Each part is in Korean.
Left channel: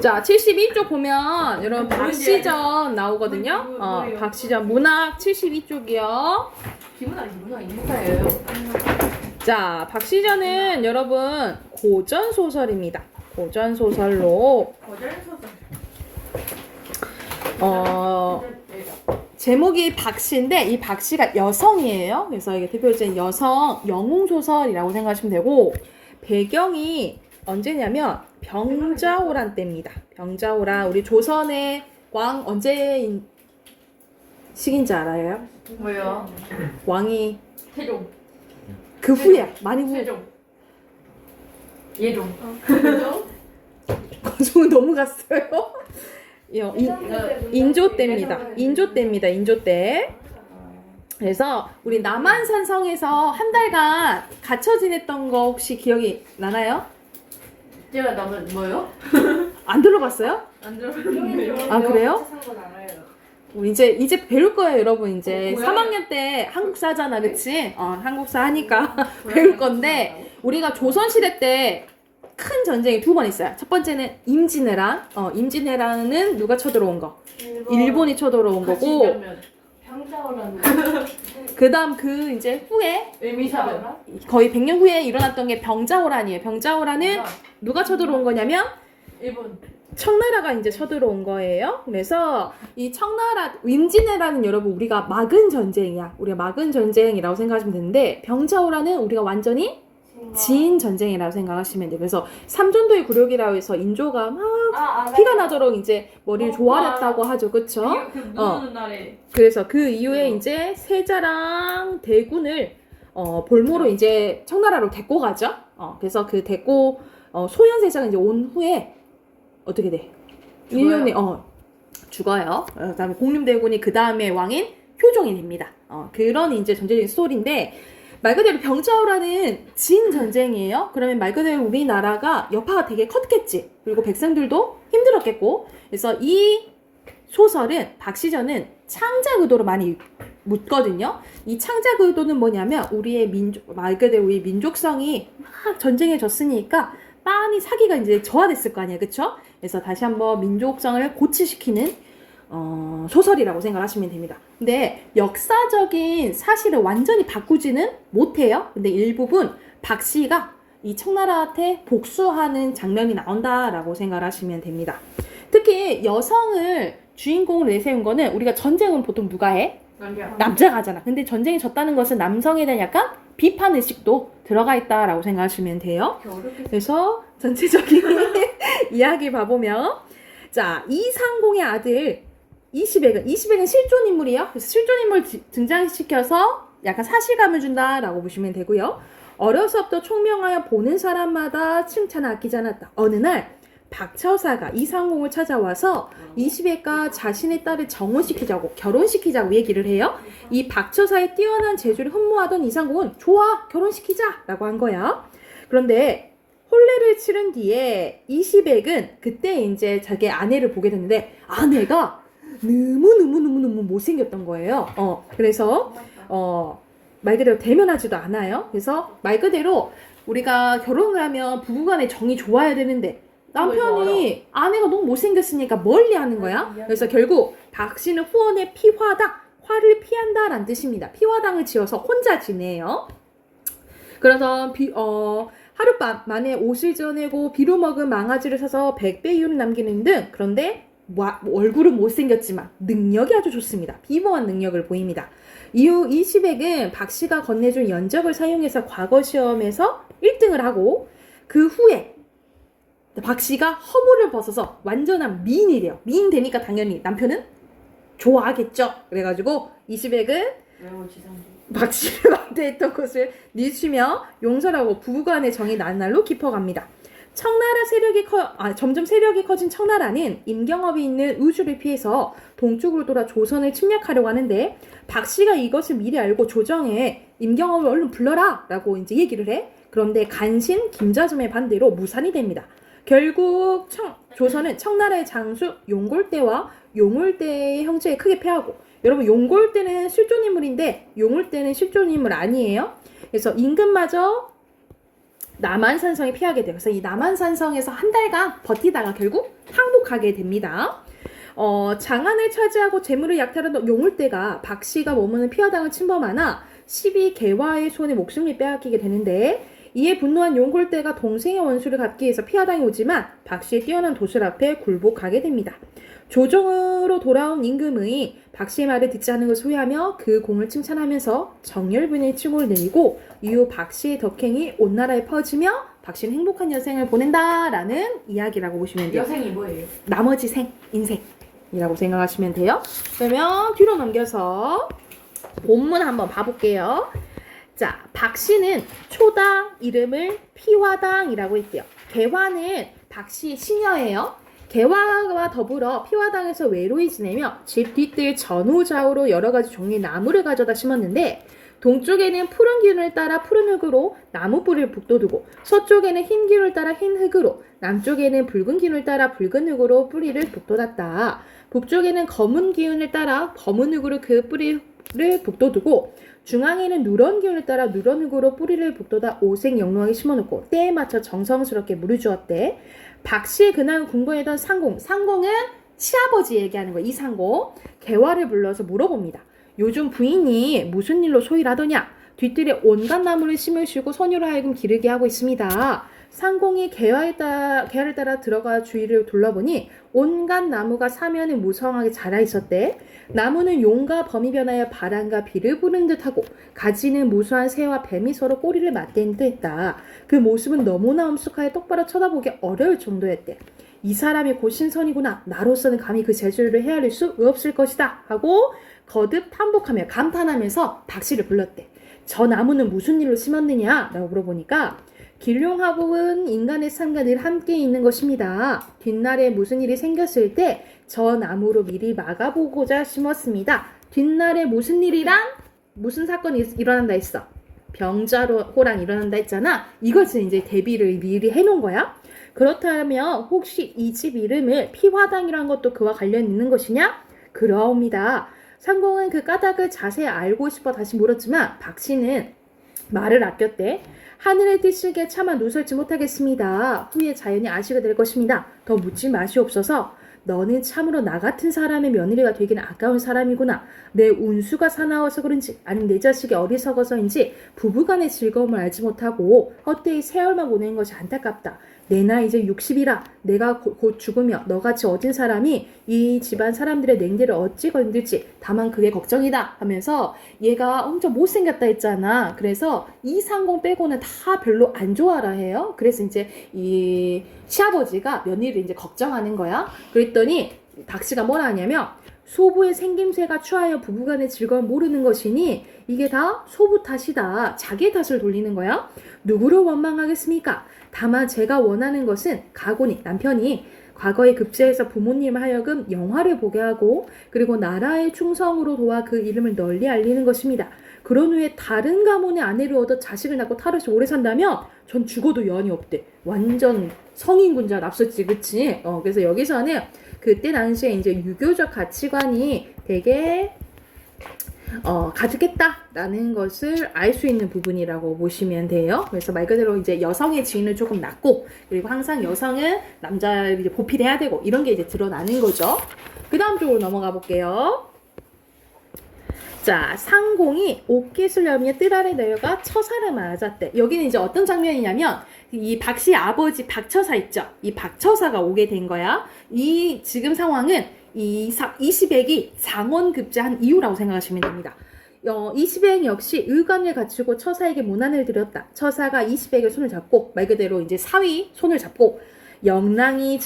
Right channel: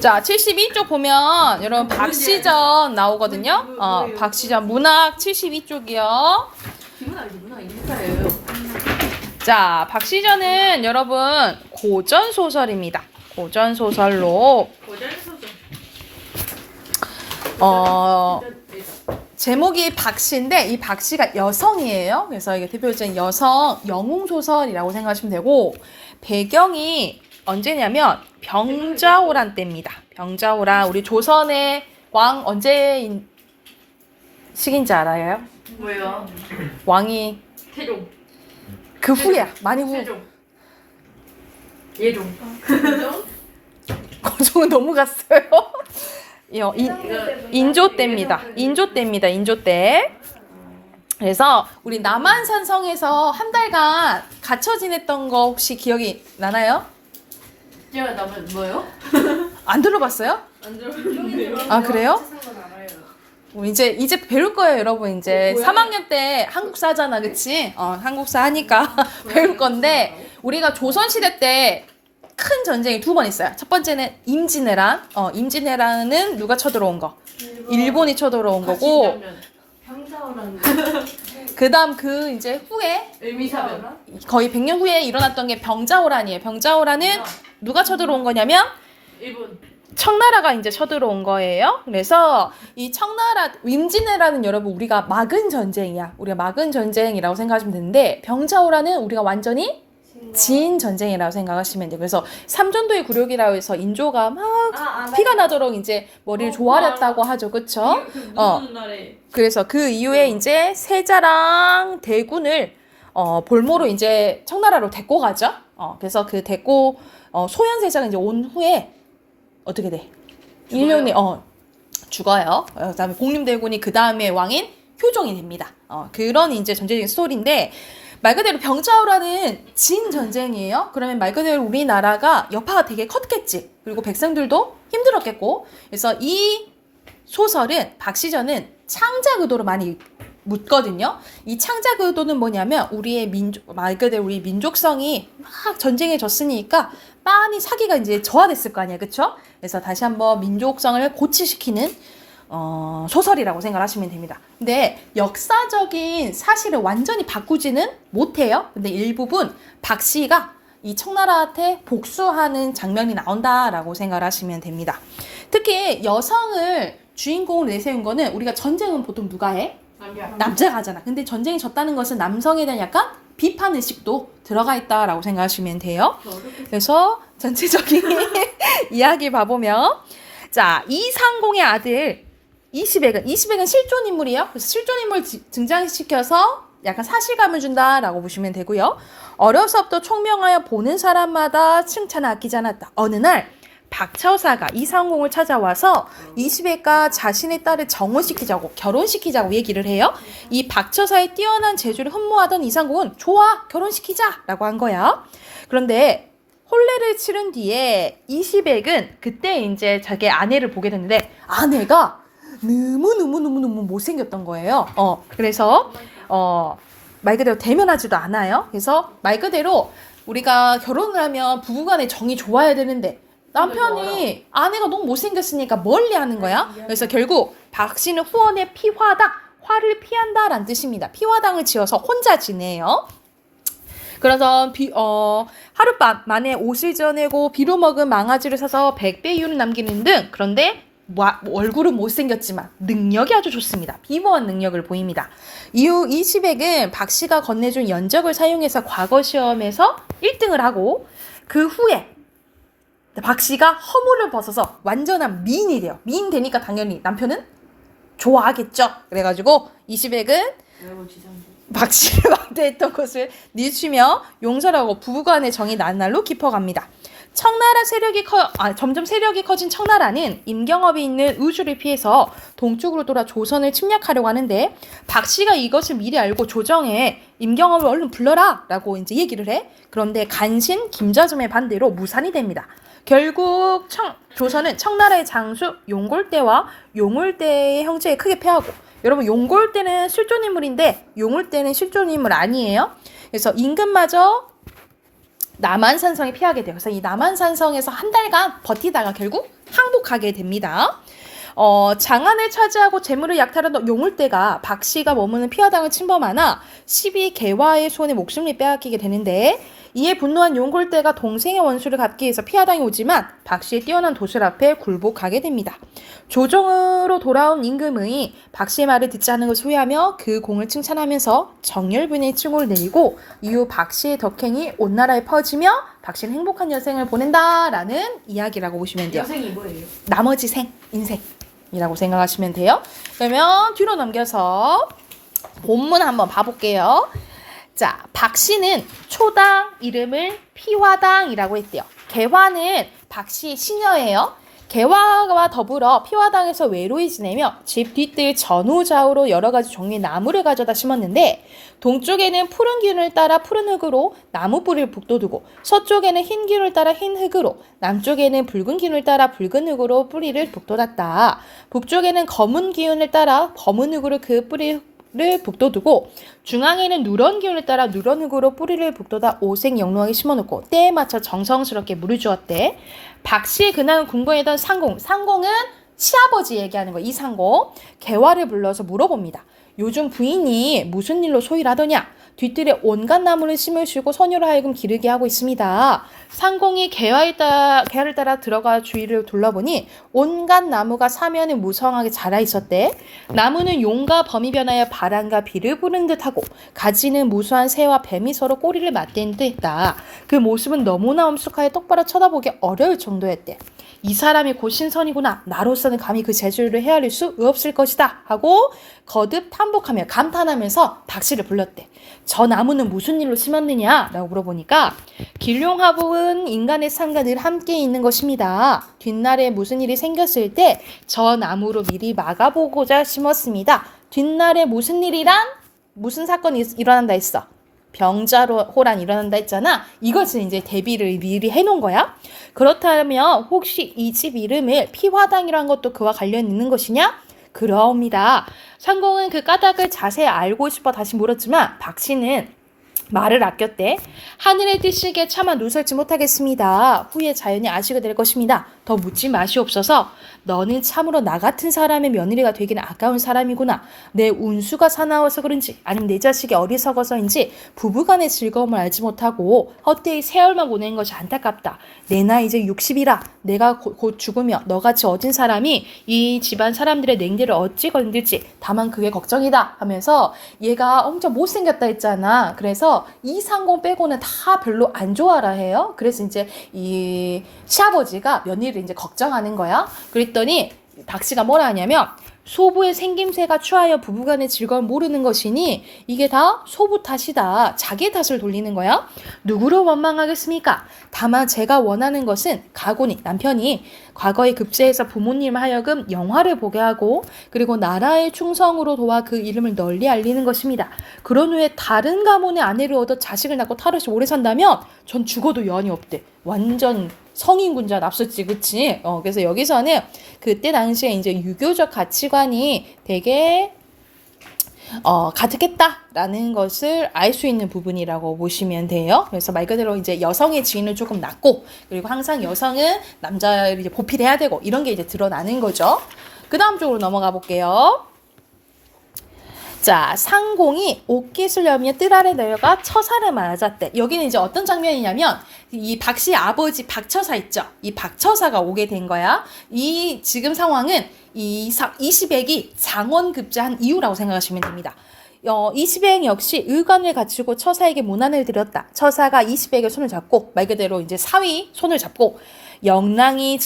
자, 72쪽 보면 여러분 박시전 나오거든요. 박시전 문학 72쪽이요. 기문학 인사예요. 자, 박시전은 여러분 고전 소설입니다. 고전 소설로 제목이 박시인데 이 박시가 여성이에요. 그래서 이게 대표적인 여성 영웅 소설이라고 생각하시면 되고 배경이 언제냐면 병자호란 때입니다. 병자호란 우리 조선의 왕 언제 시기인지 알아요? 뭐요? 왕이 태종. 그 후에 많이 후. 태종. 예종. 거종은 너무 갔어요. 인조 때입니다. 인조 때입니다. 인조 때. 그래서 우리 남한산성에서 한 달간 갇혀 지냈던 거 혹시 기억이 나나요? 제가 남은 뭐요? 안 들어봤어요? 안 들어봤는데요. 아 그래요? 이제 배울 거예요, 여러분. 이제 3학년 때 한국사잖아, 그치? 한국사 하니까 배울 건데 우리가 조선시대 때 큰 전쟁이 두 번 있어요. 첫 번째는 임진왜란. 임진왜란은 누가 쳐들어온 거? 일본이 쳐들어온 거고. 병자호란. 그다음 이제 후에 의미사변. 거의 100년 후에 일어났던 게 병자호란이에요. 병자호란은 누가 쳐들어온 거냐면 일본. 청나라가 이제 쳐들어온 거예요. 그래서 이 청나라 임진왜란은 여러분 우리가 막은 전쟁이야. 우리가 막은 전쟁이라고 생각하시면 되는데 병자호란은 우리가 완전히 진 전쟁이라고 생각하시면 돼요. 그래서 삼전도의 굴욕이라고 해서 인조가 막 피가 나도록 이제 머리를 조아렸다고 하죠. 그쵸? 그래서 그 이후에 이제 세자랑 대군을 볼모로 이제 청나라로 데리고 가죠. 그래서 그 데리고 소현세자가 이제 온 후에 어떻게 돼? 1년에 죽어요. 그다음에 공림대군이 그 다음에 왕인 효종이 됩니다. 그런 이제 전체적인 스토리인데 말 그대로 병자호란은 진 전쟁이에요. 그러면 말 그대로 우리나라가 여파가 되게 컸겠지. 그리고 백성들도 힘들었겠고. 그래서 이 소설은 박시전은 창작 의도로 많이 묻거든요. 이 창작 의도는 뭐냐면 우리의 말 그대로 우리 민족성이 막 전쟁에 졌으니까 많이 사기가 이제 저하됐을 거 아니에요. 그쵸? 그래서 다시 한번 민족성을 고취시키는 소설이라고 생각하시면 됩니다. 근데 역사적인 사실을 완전히 바꾸지는 못해요. 근데 일부분 박씨가 이 청나라한테 복수하는 장면이 나온다라고 생각하시면 됩니다. 특히 여성을 주인공으로 내세운 거는 우리가 전쟁은 보통 누가 해? 남자가 하잖아. 근데 전쟁이 졌다는 것은 남성에 대한 약간 비판 의식도 들어가 있다라고 생각하시면 돼요. 그래서 전체적인 이야기 봐보면 자 이상공의 아들 이시백은 실존 인물이에요. 그래서 실존 인물 등장시켜서 약간 사실감을 준다라고 보시면 되고요. 어려서부터 총명하여 보는 사람마다 칭찬을 아끼지 않았다. 어느 날 박처사가 이상공을 찾아와서 이시백과 자신의 딸을 정혼시키자고 결혼시키자고 얘기를 해요. 이 박처사의 뛰어난 재주를 흠모하던 이상공은 좋아 결혼시키자 라고 한 거야. 그런데 혼례를 치른 뒤에 이시백은 그때 이제 자기 아내를 보게 됐는데 아내가 너무 못생겼던 거예요. 그래서 말 그대로 대면하지도 않아요. 그래서 말 그대로 우리가 결혼을 하면 부부간의 정이 좋아야 되는데 남편이 아내가 너무 못생겼으니까 멀리 하는 거야. 그래서 결국 박씨는 후원의 피화당, 화를 피한다라는 뜻입니다. 피화당을 지어서 혼자 지내요. 그래서 하룻밤 만에 옷을 져내고 비로 먹은 망아지를 사서 100배 이윤을 남기는 등 그런데 얼굴은 못생겼지만 능력이 아주 좋습니다. 비범한 능력을 보입니다. 이후 이시백은 박씨가 건네준 연적을 사용해서 과거 시험에서 1등을 하고 그 후에 박씨가 허물을 벗어서 완전한 미인이 돼요. 미인 되니까 당연히 남편은 좋아하겠죠. 그래가지고 이시백은 박씨를 왕대했던 것을 늦추며 용서하고 부부간의 정이 날날로 깊어갑니다. 청나라 점점 세력이 커진 청나라는 임경업이 있는 의주를 피해서 동쪽으로 돌아 조선을 침략하려고 하는데 박씨가 이것을 미리 알고 조정에 임경업을 얼른 불러라 라고 이제 얘기를 해. 그런데 간신 김자점의 반대로 무산이 됩니다. 결국 조선은 청나라의 장수 용골대와 용울대의 형제에 크게 패하고 여러분 용골대는 실존인물인데 용울대는 실존인물 아니에요. 그래서 임금마저 남한산성에 피하게 돼요. 그래서 이 남한산성에서 한 달간 버티다가 결국 항복하게 됩니다. 장안을 차지하고 재물을 약탈한 용울대가 박씨가 머무는 피화당을 침범하나 12개화의 손에 목숨을 빼앗기게 되는데 이에 분노한 용골대가 동생의 원수를 갚기 위해서 피화당에 오지만 박씨의 뛰어난 도술 앞에 굴복하게 됩니다. 조정으로 돌아온 임금의 박씨의 말을 듣지 않은 것을 후회하며 그 공을 칭찬하면서 정열분의 칭호를 내리고 이후 박씨의 덕행이 온 나라에 퍼지며 박씨는 행복한 여생을 보낸다라는 이야기라고 보시면 돼요. 여생이 뭐예요? 나머지 인생이라고 생각하시면 돼요. 그러면 뒤로 넘겨서 본문 한번 봐볼게요. 자, 박씨는 초당 이름을 피화당이라고 했대요. 개화는 박씨 시녀예요. 개화와 더불어 피화당에서 외로이 지내며 집 뒷뜰 전후좌우로 여러 가지 종류의 나무를 가져다 심었는데 동쪽에는 푸른 기운을 따라 푸른 흙으로 나무 뿌리를 북돋우고 서쪽에는 흰 기운을 따라 흰 흙으로 남쪽에는 붉은 기운을 따라 붉은 흙으로 뿌리를 북돋았다. 북쪽에는 검은 기운을 따라 검은 흙으로 그 뿌리를 북돋우고 중앙에는 누런 기운을 따라 누런 흙으로 뿌리를 북돋아 오색영롱하게 심어놓고 때에 맞춰 정성스럽게 물을 주었대. 박씨 그날 궁궐이던 상공은 시아버지 얘기하는 거예요. 이 상공 개화를 불러서 물어봅니다. 요즘 부인이 무슨 일로 소일하더냐? 뒷뜰에 온갖 나무를 심으시고 소녀로 하여금 기르게 하고 있습니다. 상공이 개화를 따라 들어가 주위를 둘러보니 온갖 나무가 사면에 무성하게 자라 있었대. 나무는 용과 범이 변하여 바람과 비를 부는 듯하고 가지는 무수한 새와 뱀이 서로 꼬리를 맞댄 듯했다. 그 모습은 너무나 엄숙하여 똑바로 쳐다보기 어려울 정도였대. 이 사람이 곧 신선이구나. 나로서는 감히 그 재주를 헤아릴 수 없을 것이다. 하고 거듭 탐복하며 감탄하면서 박씨를 불렀대. 저 나무는 무슨 일로 심었느냐? 라고 물어보니까 길룡화복은 인간의 삶과 늘 함께 있는 것입니다. 뒷날에 무슨 일이 생겼을 때 저 나무로 미리 막아보고자 심었습니다. 뒷날에 무슨 일이란? 무슨 사건이 일어난다 했어? 병자호란 일어난다 했잖아. 이것을 이제 대비를 미리 해놓은 거야. 그렇다면 혹시 이 집 이름을 피화당이라는 것도 그와 관련 있는 것이냐? 그러옵니다. 상공은 그 까닭을 자세히 알고 싶어 다시 물었지만 박씨는 말을 아꼈대. 하늘의 뜻이기에 차마 누설지 못하겠습니다. 후에 자연히 아시게 될 것입니다. 더 묻지 마시옵소서. 너는 참으로 나 같은 사람의 며느리가 되기는 아까운 사람이구나. 내 운수가 사나워서 그런지 아니면 내 자식이 어리석어서인지 부부간의 즐거움을 알지 못하고 헛되이 세월만 보내는 것이 안타깝다. 내 나이 이제 60이라 내가 곧 죽으며 너같이 어진 사람이 이 집안 사람들의 냉대를 어찌 건들지 다만 그게 걱정이다 하면서 얘가 엄청 못생겼다 했잖아. 그래서 이 상공 빼고는 다 별로 안 좋아라 해요. 그래서 이제 이 시아버지가 며느리를 이제 걱정하는 거야. 그랬더니 박씨가 뭐라 하냐면 소부의 생김새가 추하여 부부간의 즐거움을 모르는 것이니 이게 다 소부 탓이다. 자기 탓을 돌리는 거야. 누구를 원망하겠습니까? 다만 제가 원하는 것은 가군이 남편이 과거에 급제해서 부모님 하여금 영화를 보게 하고 그리고 나라의 충성으로 도와 그 이름을 널리 알리는 것입니다. 그런 후에 다른 가문의 아내를 얻어 자식을 낳고 탈없이 오래 산다면 전 죽어도 여한이 없대. 완전 성인군자 납셨지, 그치? 그래서 여기서는 그때 당시에 이제 유교적 가치관이 되게 가득했다라는 것을 알 수 있는 부분이라고 보시면 돼요. 그래서 말 그대로 이제 여성의 지위는 조금 낮고 그리고 항상 여성은 남자를 이제 보필해야 되고 이런 게 이제 드러나는 거죠. 그 다음 쪽으로 넘어가 볼게요. 자, 상공이 옷깃을 여며 뜰 아래 내려가 처사를 맞았대. 여기는 이제 어떤 장면이냐면 이 박씨 아버지 박처사 있죠. 이 박처사가 오게 된 거야. 이 지금 상황은 이 시백이 장원급제한 이유라고 생각하시면 됩니다. 이시백 역시 의관을 갖추고 처사에게 문안을 드렸다. 처사가 이시백의 손을 잡고 말 그대로 이제 사위 손을 잡고 영랑이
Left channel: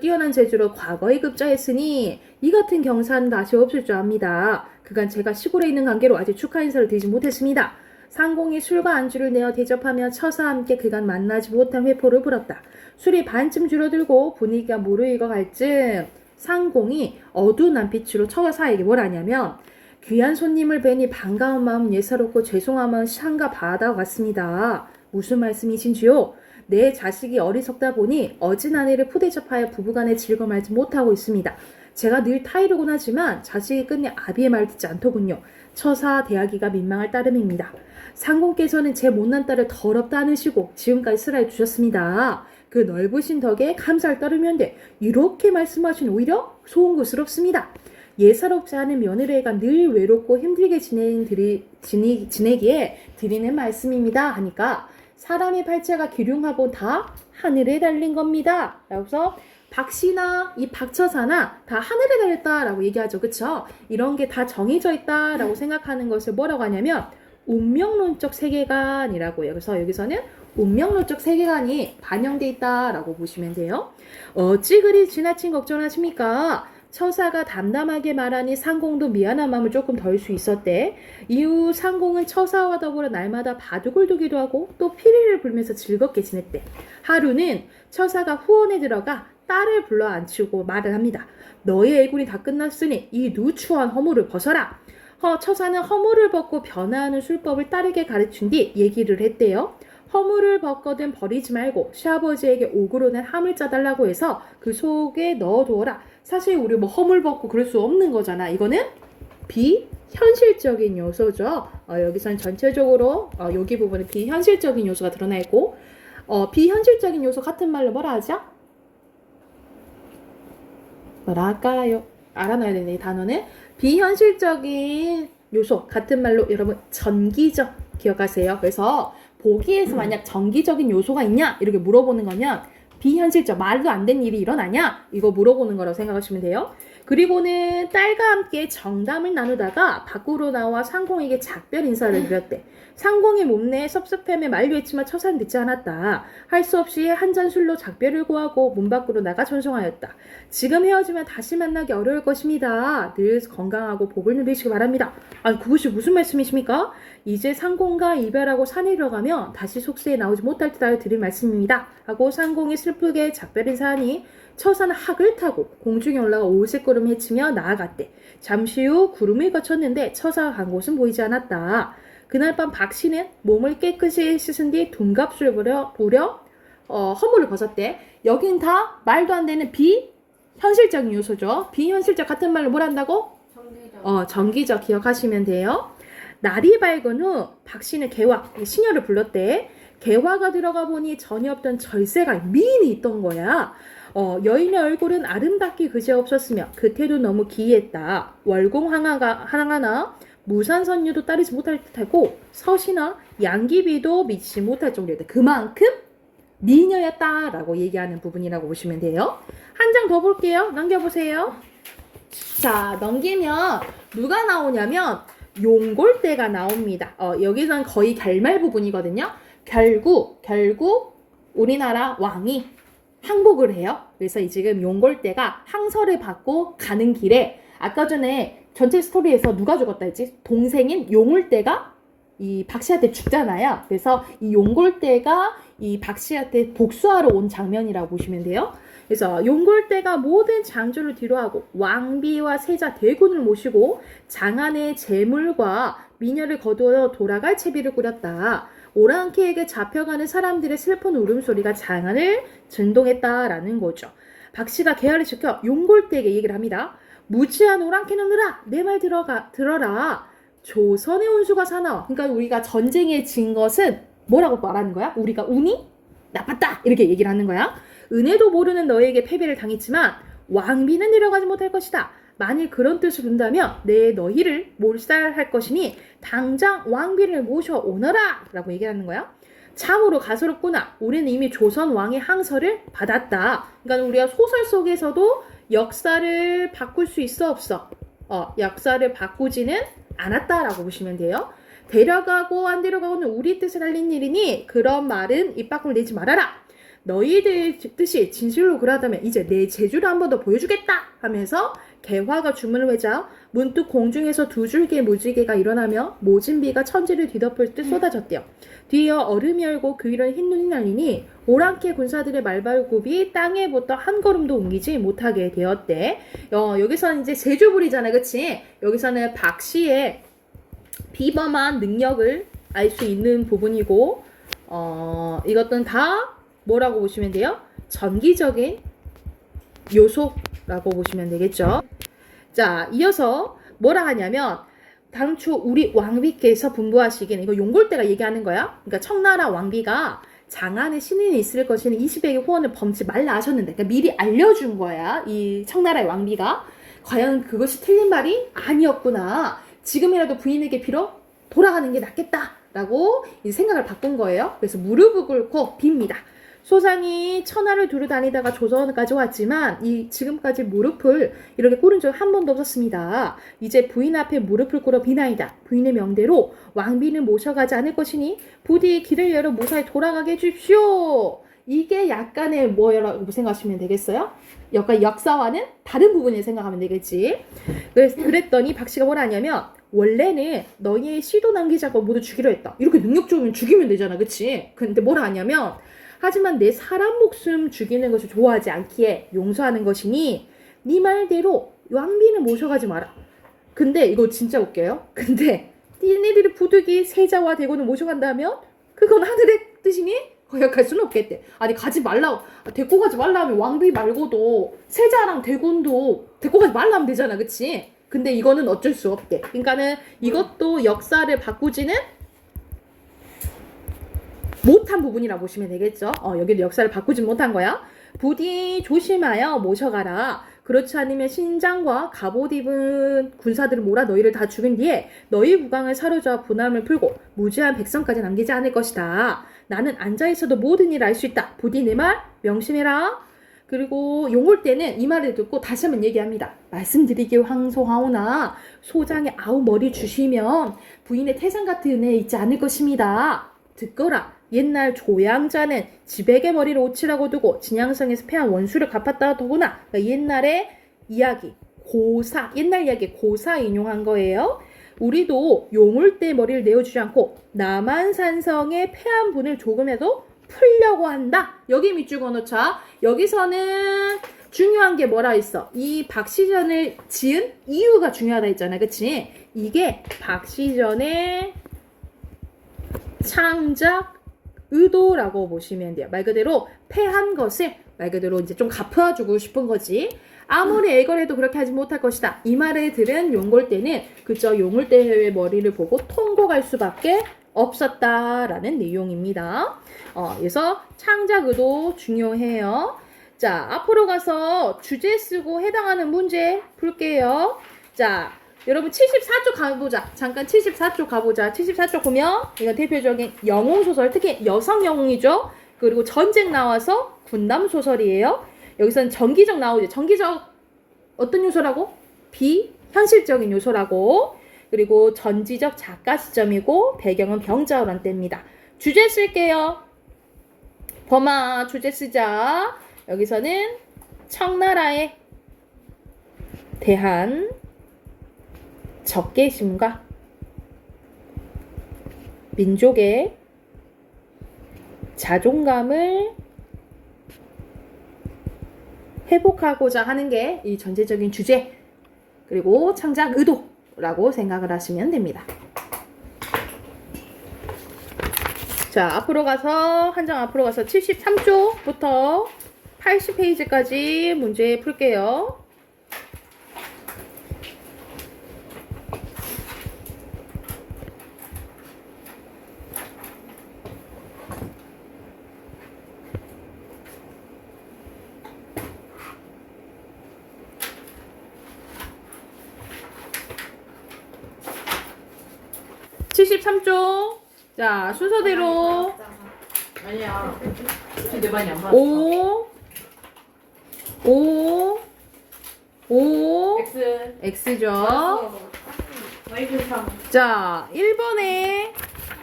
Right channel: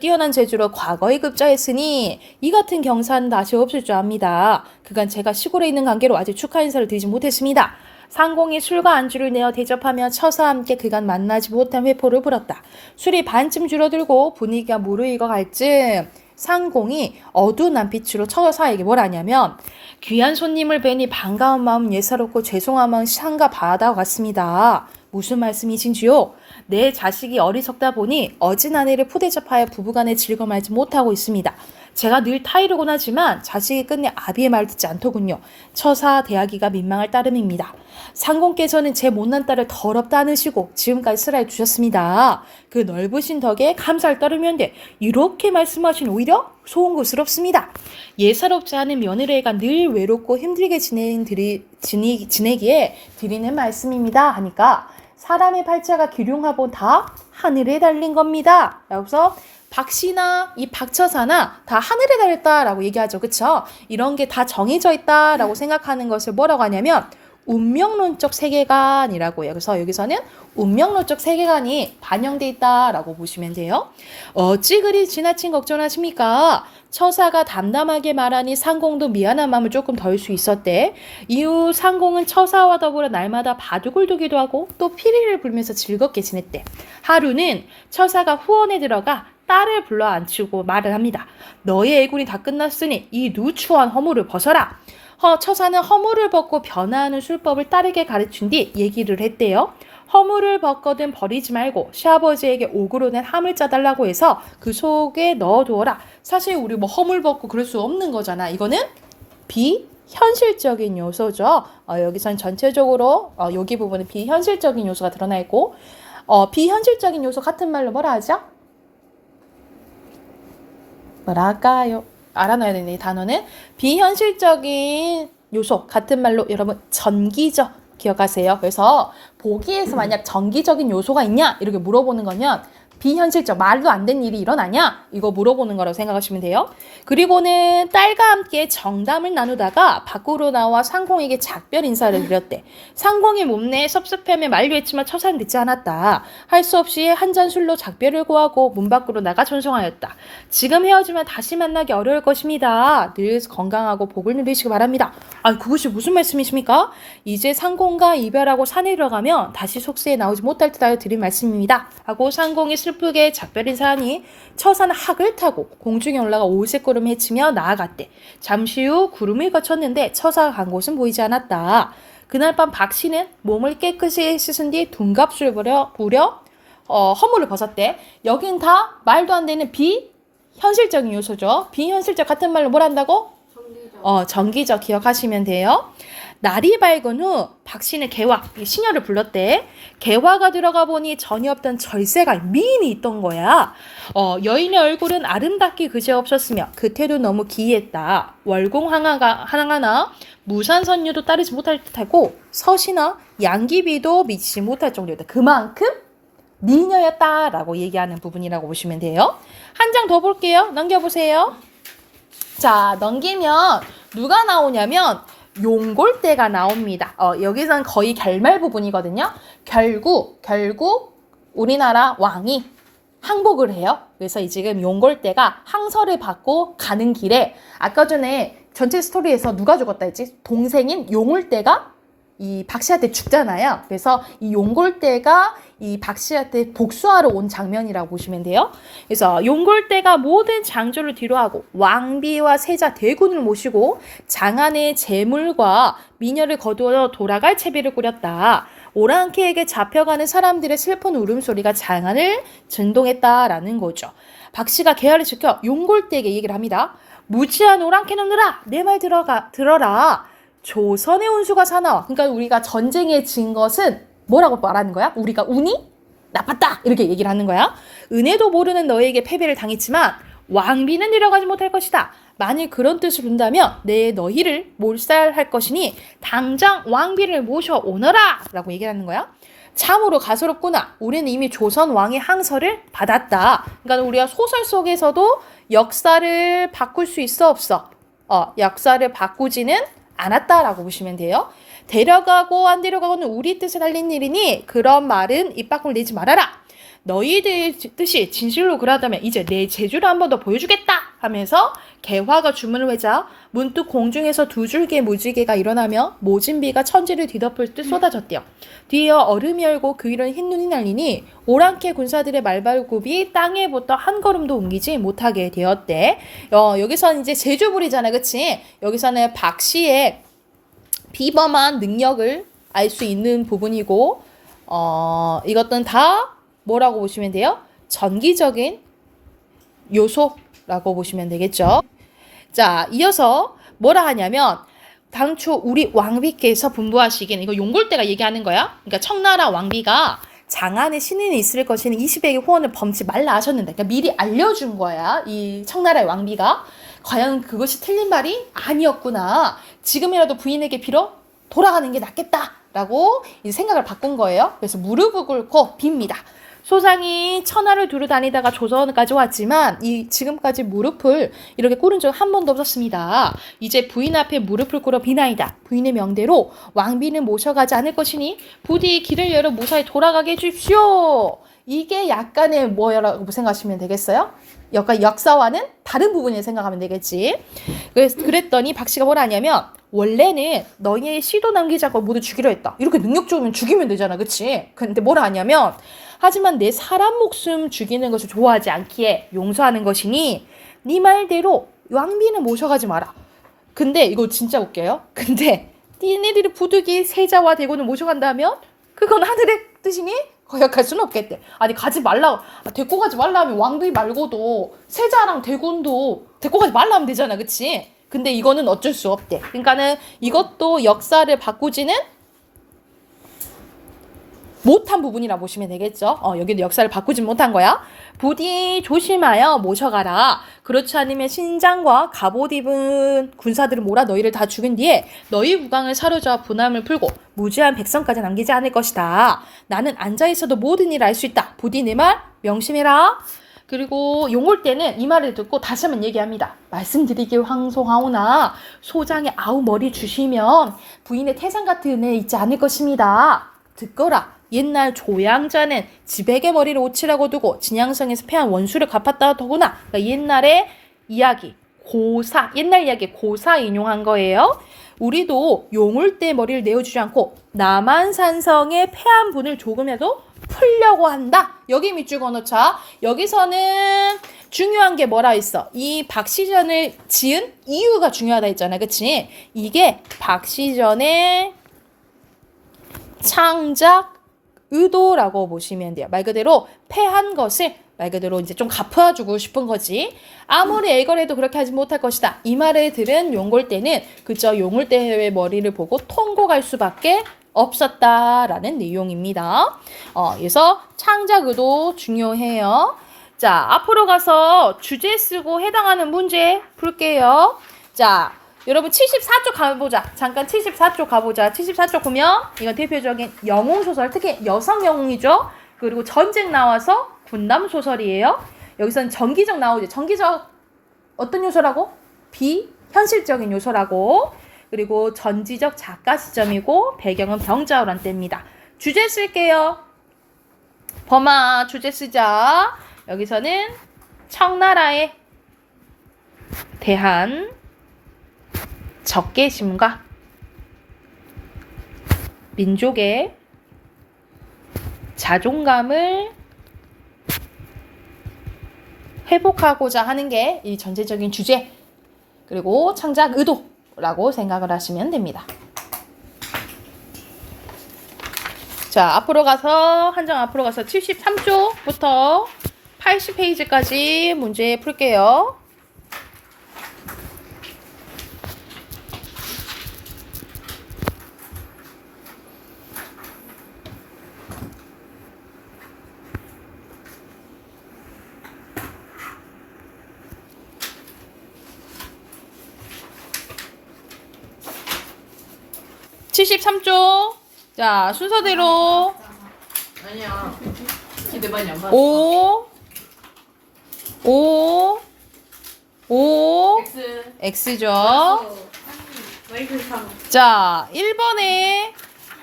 뛰어난 재주로 과거에 급자했으니 이 같은 경사는 다시 없을 줄 압니다. 그간 제가 시골에 있는 관계로 아직 축하 인사를 드리지 못했습니다. 상공이 술과 안주를 내어 대접하며 처사와 함께 그간 만나지 못한 회포를 불었다. 술이 반쯤 줄어들고 분위기가 무르익어갈 즈음 상공이 어두운 남빛으로 처사에게 뭘 하냐면 귀한 손님을 뵈니 반가운 마음 예사롭고 죄송한 마음 상가 바다와 같습니다. 무슨 말씀이신지요? 내 자식이 어리석다 보니 어진 아내를 푸대접하여 부부간의 즐거움을 알지 못하고 있습니다. 제가 늘 타이르곤 하지만 자식이 끝내 아비의 말을 듣지 않더군요. 처사 대하기가 민망할 따름입니다. 상공께서는 제 못난 딸을 더럽다 않으시고 지금까지 슬하해 주셨습니다. 그 넓으신 덕에 감사를 따르면돼 이렇게 말씀하신 오히려 송구스럽습니다. 예사롭지 않은 며느리가 늘 외롭고 힘들게 지내기에 드리는 말씀입니다 하니까 사람의 팔자가 기륭하고 다 하늘에 달린 겁니다. 그래서 박씨나 이 박처사나 다 하늘에 달렸다라고 얘기하죠. 그쵸? 이런 게 다 정해져 있다라고 생각하는 것을 뭐라고 하냐면 운명론적 세계관이라고 해요. 그래서 여기서는 운명론적 세계관이 반영돼 있다라고 보시면 돼요. 어찌 그리 지나친 걱정하십니까? 처사가 담담하게 말하니 상공도 미안한 마음을 조금 덜 수 있었대. 이후 상공은 처사와 더불어 날마다 바둑을 두기도 하고 또 피리를 불면서 즐겁게 지냈대. 하루는 처사가 후원에 들어가 딸을 불러 앉히고 말을 합니다. 너의 애군이 다 끝났으니 이 누추한 허물을 벗어라. 처사는 허물을 벗고 변화하는 술법을 딸에게 가르친 뒤 얘기를 했대요. 허물을 벗거든 버리지 말고 시아버지에게 옥으로 낸 함을 짜달라고 해서 그 속에 넣어두어라. 사실 우리 뭐 허물 벗고 그럴 수 없는 거잖아. 이거는 비현실적인 요소죠. 여기선 전체적으로 여기 부분은 비현실적인 요소가 드러나 있고 비현실적인 요소 같은 말로 뭐라 하죠? 뭐라 할까요? 알아놔야 되는 이 단어는 비현실적인 요소 같은 말로 여러분 전기적 기억하세요. 그래서 보기에서 만약 전기적인 요소가 있냐 이렇게 물어보는 거면 비현실적 말도 안 되는 일이 일어나냐 이거 물어보는 거라고 생각하시면 돼요. 그리고는 딸과 함께 정담을 나누다가 밖으로 나와 상공에게 작별 인사를 드렸대. 상공이 몸내에 섭섭해하며 만류했지만 처사는 듣지 않았다. 할 수 없이 한 잔 술로 작별을 고하고 문 밖으로 나가 전송하였다. 지금 헤어지면 다시 만나기 어려울 것입니다. 늘 건강하고 복을 누리시기 바랍니다. 그것이 무슨 말씀이십니까? 이제 상공과 이별하고 산에 들어가면 다시 속세에 나오지 못할 듯하여 드린 말씀입니다. 하고 상공이 슬프게 작별 인사하니 처사는 학을 타고 공중에 올라가 오색구름 헤치며 나아갔대. 잠시 후 구름을 거쳤는데 처사가 간 곳은 보이지 않았다. 그날 밤 박씨는 몸을 깨끗이 씻은 뒤 둔갑술 부려 허물을 벗었대. 여긴 다 말도 안 되는 비현실적인 요소죠. 비현실적 같은 말로 뭘 한다고? 정기적 기억하시면 돼요. 날이 밝은 후 박씨는 개화, 시녀를 불렀대. 개화가 들어가 보니 전혀 없던 절세가 미인이 있던 거야. 여인의 얼굴은 아름답기 그지없었으며 그 태도 너무 기이했다. 월공 하나나 무산선녀도 따르지 못할 듯하고 서시나 양귀비도 미치지 못할 정도였다. 그만큼 미녀였다라고 얘기하는 부분이라고 보시면 돼요. 한 장 더 볼게요. 넘겨보세요. 자, 넘기면 누가 나오냐면 용골대가 나옵니다. 여기선 거의 결말 부분이거든요. 결국 우리나라 왕이 항복을 해요. 그래서 지금 용골대가 항서를 받고 가는 길에 아까 전에 전체 스토리에서 누가 죽었다 했지? 동생인 용울대가 이 박씨한테 죽잖아요. 그래서 이 용골대가 이 박씨한테 복수하러 온 장면이라고 보시면 돼요. 그래서 용골대가 모든 장조를 뒤로하고 왕비와 세자 대군을 모시고 장안의 재물과 미녀를 거두어 돌아갈 채비를 꾸렸다. 오랑캐에게 잡혀가는 사람들의 슬픈 울음소리가 장안을震동했다라는 거죠. 박씨가 개화를 지켜 용골대에게 얘기를 합니다. 무지한 오랑캐 놈들아, 내 말 들어라. 조선의 운수가 사나워. 그러니까 우리가 전쟁에 진 것은 뭐라고 말하는 거야? 우리가 운이 나빴다 이렇게 얘기를 하는 거야. 은혜도 모르는 너에게 패배를 당했지만 왕비는 내려가지 못할 것이다. 만일 그런 뜻을 본다면 내 너희를 몰살할 것이니 당장 왕비를 모셔오너라 라고 얘기를 하는 거야. 참으로 가소롭구나. 우리는 이미 조선 왕의 항서를 받았다. 그러니까 우리가 소설 속에서도 역사를 바꿀 수 있어 없어? 역사를 바꾸지는 않았다라고 보시면 돼요. 데려가고 안 데려가고는 우리 뜻을 달린 일이니 그런 말은 입 밖으로 내지 말아라. 너희들 뜻이 진실로 그러하다면 이제 내 재주를 한 번 더 보여주겠다 하면서 개화가 주문을 외자 문득 공중에서 두 줄기의 무지개가 일어나며 모진 비가 천지를 뒤덮을 듯 쏟아졌대요. 뒤이어 얼음이 열고 그 위로 흰 눈이 날리니 오랑캐 군사들의 말발굽이 땅에 붙어 한 걸음도 옮기지 못하게 되었대. 여기서는 이제 제주불이잖아요. 그치? 여기서는 박씨의 비범한 능력을 알 수 있는 부분이고 이것들은 다 뭐라고 보시면 돼요? 전기적인 요소 라고 보시면 되겠죠. 자, 이어서 뭐라 하냐면 당초 우리 왕비께서 분부하시기는 이거 용골대가 얘기하는 거야. 그러니까 청나라 왕비가 장안에 신인이 있을 것이니 20액의 후원을 범치 말라 하셨는데, 그러니까 미리 알려준 거야. 이 청나라의 왕비가 과연 그것이 틀린 말이 아니었구나. 지금이라도 부인에게 빌어 돌아가는 게 낫겠다라고 이제 생각을 바꾼 거예요. 그래서 무릎을 꿇고 빕니다. 소장이 천하를 두루 다니다가 조선까지 왔지만 이 지금까지 무릎을 이렇게 꿇은 적 한 번도 없었습니다. 이제 부인 앞에 무릎을 꿇어 비나이다. 부인의 명대로 왕비는 모셔가지 않을 것이니 부디 길을 열어 무사히 돌아가게 해주십시오. 이게 약간의 뭐라고 생각하시면 되겠어요? 약간 역사와는 다른 부분을 생각하면 되겠지. 그랬더니 박씨가 뭐라 하냐면 원래는 너희의 시도 남기자고 모두 죽이려 했다. 이렇게 능력 좋으면 죽이면 되잖아. 그치? 근데 뭐라 하냐면 하지만 내 사람 목숨 죽이는 것을 좋아하지 않기에 용서하는 것이니 네 말대로 왕비는 모셔가지 마라. 근데 이거 진짜 웃겨요. 근데 니네들이 부득이 세자와 대군을 모셔간다면 그건 하늘의 뜻이니 거역할 수는 없겠대. 아니 가지 말라, 데리고 가지 말라 하면 왕비 말고도 세자랑 대군도 데리고 가지 말라 하면 되잖아. 그치? 근데 이거는 어쩔 수 없대. 그러니까는 이것도 역사를 바꾸지는 못한 부분이라 보시면 되겠죠. 여기도 역사를 바꾸지 못한 거야. 부디 조심하여 모셔가라. 그렇지 않으면 신장과 갑옷 입은 군사들을 몰아 너희를 다 죽인 뒤에 너희 국왕을 사로잡아 분함을 풀고 무죄한 백성까지 남기지 않을 것이다. 나는 앉아있어도 모든 일을 알 수 있다. 부디 내 말 명심해라. 그리고 용올 때는 이 말을 듣고 다시 한번 얘기합니다. 말씀드리기 황송하오나 소장의 아우 머리 주시면 부인의 태산 같은 은혜 있지 않을 것입니다. 듣거라. 옛날 조양자는 지백의 머리를 오치라고 두고 진양성에서 패한 원수를 갚았다 더구나. 그러니까 옛날의 이야기, 고사, 옛날 이야기 고사 인용한 거예요. 우리도 용울 때 머리를 내어주지 않고 남한산성의 패한 분을 조금이라도 풀려고 한다. 여기 밑줄 그어놓자. 여기서는 중요한 게 뭐라 있어? 이 박시전을 지은 이유가 중요하다 했잖아. 그치? 이게 박시전의 창작 의도라고 보시면 돼요. 말 그대로 패한 것을 말 그대로 이제 좀 갚아주고 싶은 거지. 아무리 애걸해도 그렇게 하지 못할 것이다. 이 말을 들은 용골대는 그저 용골대의 머리를 보고 통곡할 수밖에 없었다라는 내용입니다. 그래서 창작 의도 중요해요. 자, 앞으로 가서 주제 쓰고 해당하는 문제 풀게요. 자, 여러분 74쪽 가보자. 잠깐 74쪽 가보자. 74쪽 보면 이건 대표적인 영웅소설, 특히 여성 영웅이죠. 그리고 전쟁 나와서 군담 소설이에요. 여기서는 전기적 나오죠. 전기적 어떤 요소라고? 비현실적인 요소라고. 그리고 전지적 작가 시점이고 배경은 병자호란 때입니다. 주제 쓸게요. 범아 주제 쓰자. 여기서는 청나라에 대한 적개심과 민족의 자존감을 회복하고자 하는 게 이 전체적인 주제 그리고 창작 의도라고 생각을 하시면 됩니다. 자, 앞으로 가서 한 장 앞으로 가서 73쪽부터 80페이지까지 문제 풀게요. (73쪽) 자, 순서대로 아니야. 내 말이 안 맞아. 5 X. X죠. 마이크 3. 자, 1번에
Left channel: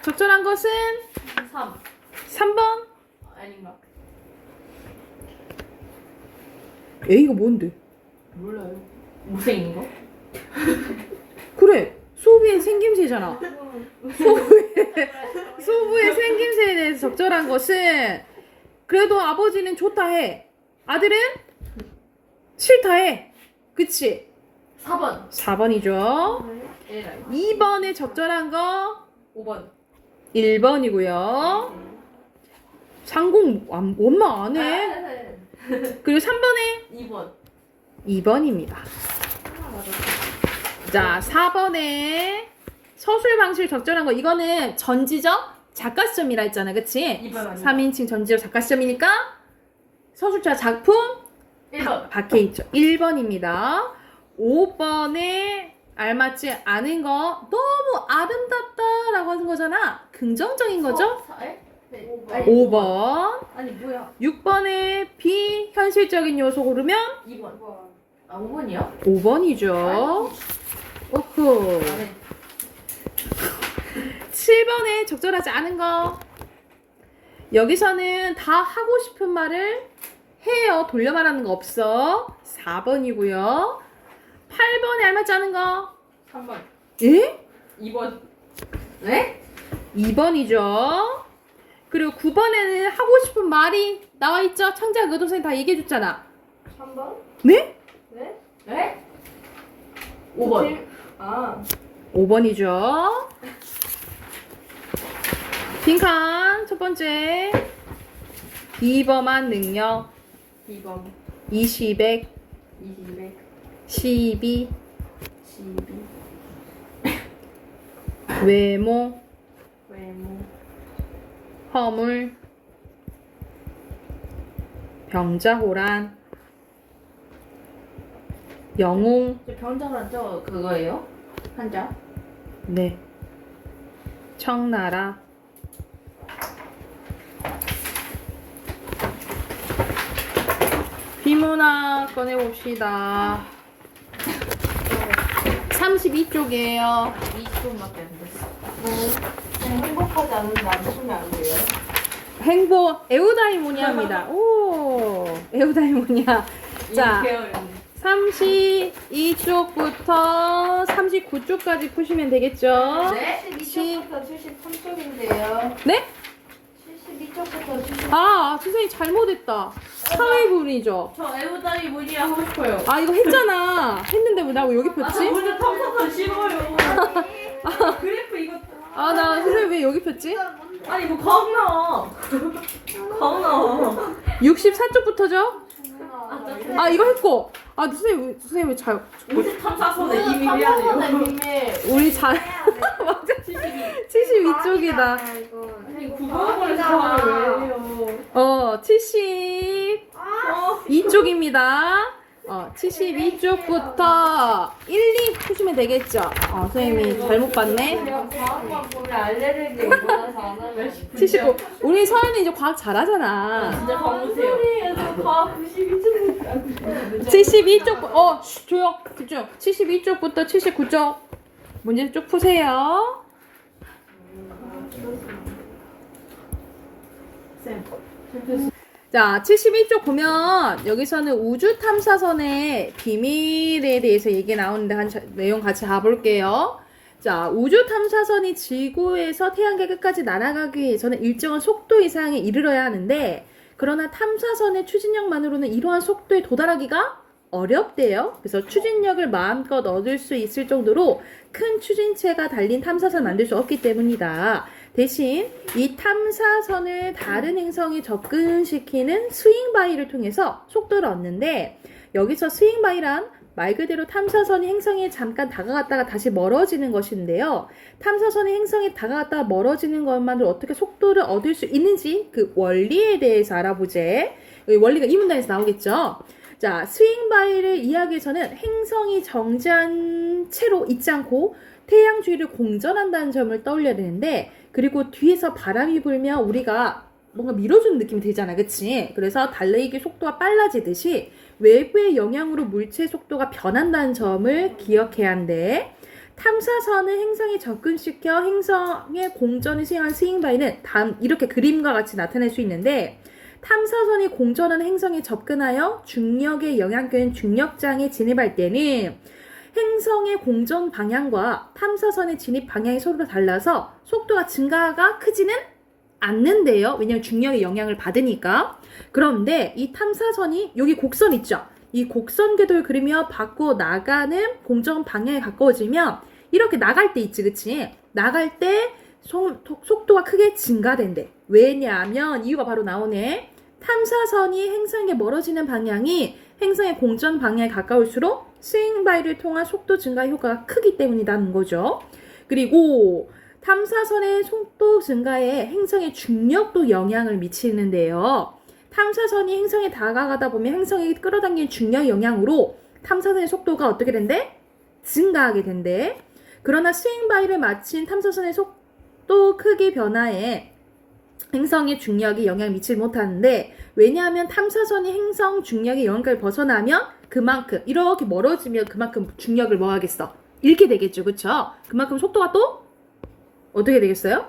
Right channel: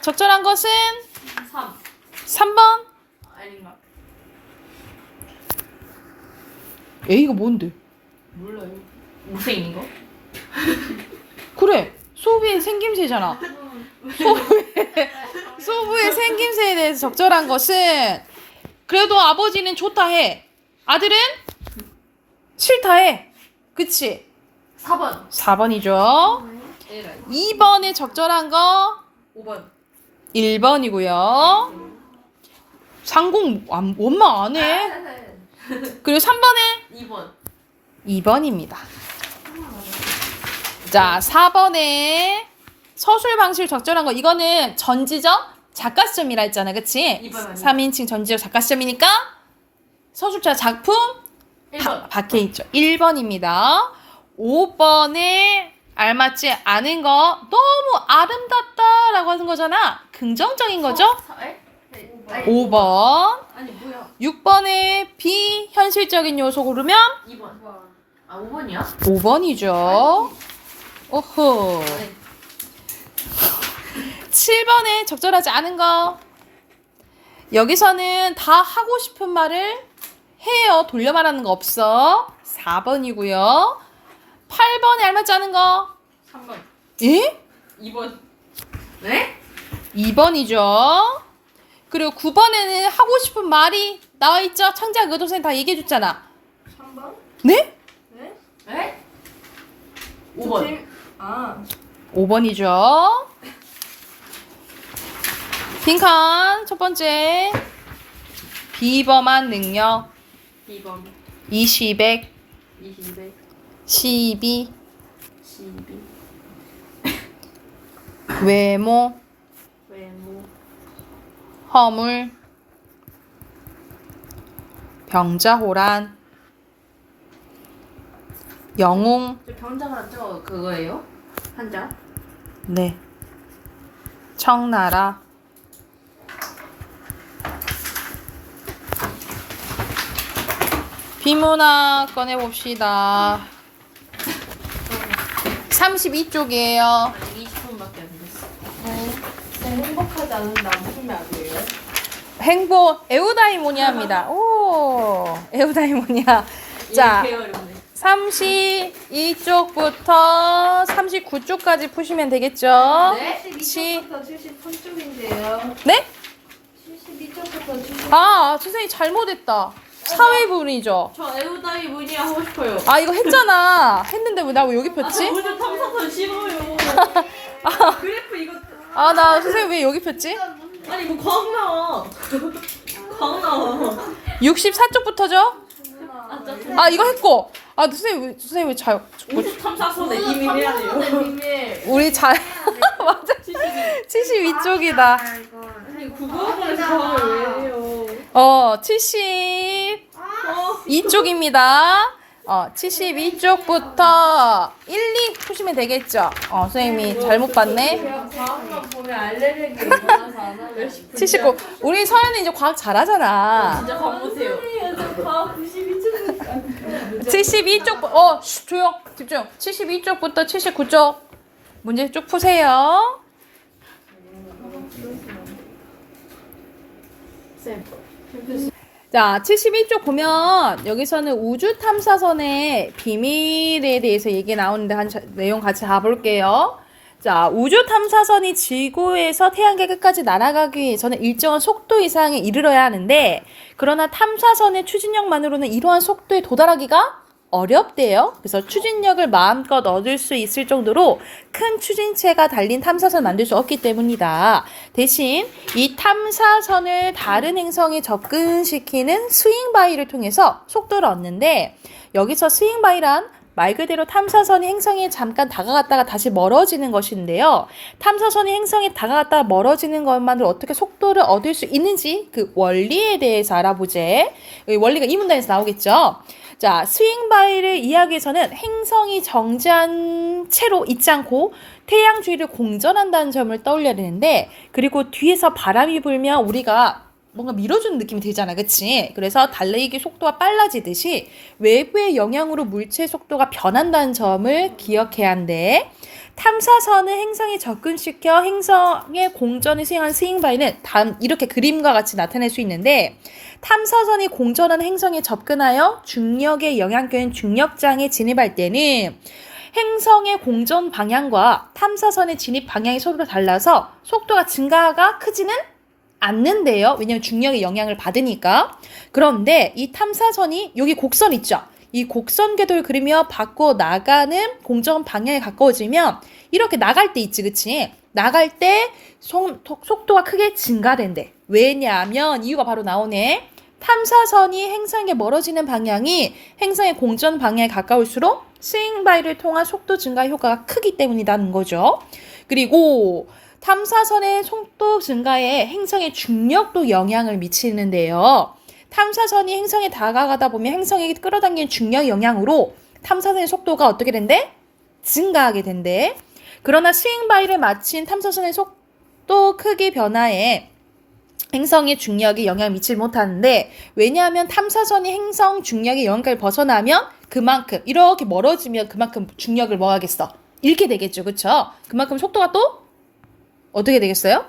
적절한 것은 3. 3번. 아닌가? A가 뭔데? 몰라요. 못생긴 거? 그래. 소부의 생김새잖아. 소부의 생김새에 대해서 적절한 것은 그래도 아버지는 좋다 해. 아들은 싫다 해. 그치? 4번. 4번이죠. 2번에 적절한 거 5번. 1번이고요. 상공 원마 안 해. 그리고 3번에 2번. 2번입니다. 자, 4번에 서술 방식 적절한 거. 이거는 전지적 작가 시험이라 했잖아. 그치? 2번 아니야? 3인칭 전지적 작가 시험이니까 서술자 작품 1번. 밖에 있죠. 1번입니다. 5번에 알맞지 않은 거 너무 아름답다라고 하는 거잖아. 긍정적인 거죠? 5번. 아니 뭐야? 6번에 비현실적인 요소 고르면 2번. 아 5번이야? 5번이죠. 오호. 7번에 적절하지 않은 거. 여기서는 다 하고 싶은 말을 해요. 돌려 말하는 거 없어. 4번이고요. 8번에 알맞지 않은 거. 3번. 예? 2번. 네? 2번이죠. 그리고 9번에는 하고 싶은 말이 나와 있죠. 창작 의도 선생님 다 얘기해 줬잖아. 3번? 네? 네? 네? 5번. 아, 5번이죠. 빈칸 첫 번째. 비범한 능력 2번. 20백 22. 12 12. 외모 외모. 허물 병자호란 영웅 저 병자가 저 그거예요? 한자? 네 청나라 비문학 꺼내봅시다. 32쪽이에요. 20분밖에 안 됐어. 행복하지 않은데 안 보면 안 돼요? 행복 에우다이모니아입니다. 오 에우다이모니아. 자 이렇게 어렵네. 32쪽부터 39쪽까지 푸시면 되겠죠? 네? 72쪽부터 73쪽인데요. 네? 72쪽부터 73쪽. 아 선생님 잘못했다. 사회분이죠. 저 에우다이 뭐냐 하고 싶어요. 아 이거 했잖아. 했는데 왜 나 왜 여기 아, 저 폈지? 먼저 탐사선 싫어요. 그래프 이거 아 나 선생님 왜 여기 폈지? 아니 뭐 과학 나와. 과학 나와. 64쪽부터죠? 아, 저 아 이거 했고. 아 선생님 왜 잘? 우주 탐사선에 이미 해야 돼요. 우리 잘 맞아. 72쪽이다. 아니 국어학원에서 과학을 왜 해요? 72쪽입니다. 72쪽부터 1, 2 푸시면 되겠죠? 선생님이 잘못 봤네. 제가 과학만 보면 알레르기 일어나서 안 하면 79. 우리 서연이 이제 과학 잘하잖아. 진짜 광무세요. 소리에서 과학 92쪽이니까 72쪽, 조용, 집중. 72쪽부터 79쪽. 문제 쭉 푸세요. 쌤. 자, 72쪽 보면 여기서는 우주 탐사선의 비밀에 대해서 얘기 나오는데 내용 같이 가볼게요. 자, 우주 탐사선이 지구에서 태양계 끝까지 날아가기 위해서는 일정한 속도 이상에 이르러야 하는데 그러나 탐사선의 추진력만으로는 이러한 속도에 도달하기가 어렵대요. 그래서 추진력을 마음껏 얻을 수 있을 정도로 큰 추진체가 달린 탐사선을 만들 수 없기 때문이다. 대신 이 탐사선을 다른 행성에 접근시키는 스윙바이를 통해서 속도를 얻는데 여기서 스윙바이란 말 그대로 탐사선이 행성에 잠깐 다가갔다가 다시 멀어지는 것인데요. 탐사선이 행성에 다가갔다가 멀어지는 것만으로 어떻게 속도를 얻을 수 있는지 그 원리에 대해서 알아보제. 원리가 이 문단에서 나오겠죠. 자, 스윙바이를 이해하기 위해서는 행성이 정지한 채로 있지 않고 태양 주위를 공전한다는 점을 떠올려야 되는데 그리고 뒤에서 바람이 불면 우리가 뭔가 밀어주는 느낌이 들잖아. 그치? 그래서 달리기 속도가 빨라지듯이 외부의 영향으로 물체의 속도가 변한다는 점을 기억해야 한대. 탐사선은 행성에 접근시켜 행성의 공전을 수행한 스윙바이는 다음 이렇게 그림과 같이 나타낼 수 있는데 탐사선이 공전하는 행성에 접근하여 중력의 영향권인 중력장에 진입할 때는 행성의 공전 방향과 탐사선의 진입 방향이 서로 달라서 속도가 증가가 크지는 않는데요. 왜냐면 중력의 영향을 받으니까. 그런데 이 탐사선이 여기 곡선 있죠. 이 곡선 궤도를 그리며 바꿔 나가는 공전 방향에 가까워지면 이렇게 나갈 때 있지, 그치? 나갈 때 속도가 크게 증가된대. 왜냐하면 이유가 바로 나오네. 탐사선이 행성에 멀어지는 방향이 행성의 공전 방향에 가까울수록 스윙바이를 통한 속도 증가 효과가 크기 때문이라는 거죠. 그리고 탐사선의 속도 증가에 행성의 중력도 영향을 미치는데요. 탐사선이 행성에 다가가다 보면 행성에 끌어당기는 중력 영향으로 탐사선의 속도가 어떻게 된대? 증가하게 된대. 그러나 스윙바이를 마친 탐사선의 속도 크기 변화에 행성의 중력이 영향을 미치지 못하는데, 왜냐하면 탐사선이 행성 중력의 영향을 벗어나면 그만큼 이렇게 멀어지면 그만큼 중력을 뭐 하겠어? 잃게 되겠죠. 그쵸? 그만큼 속도가 또 어떻게 되겠어요?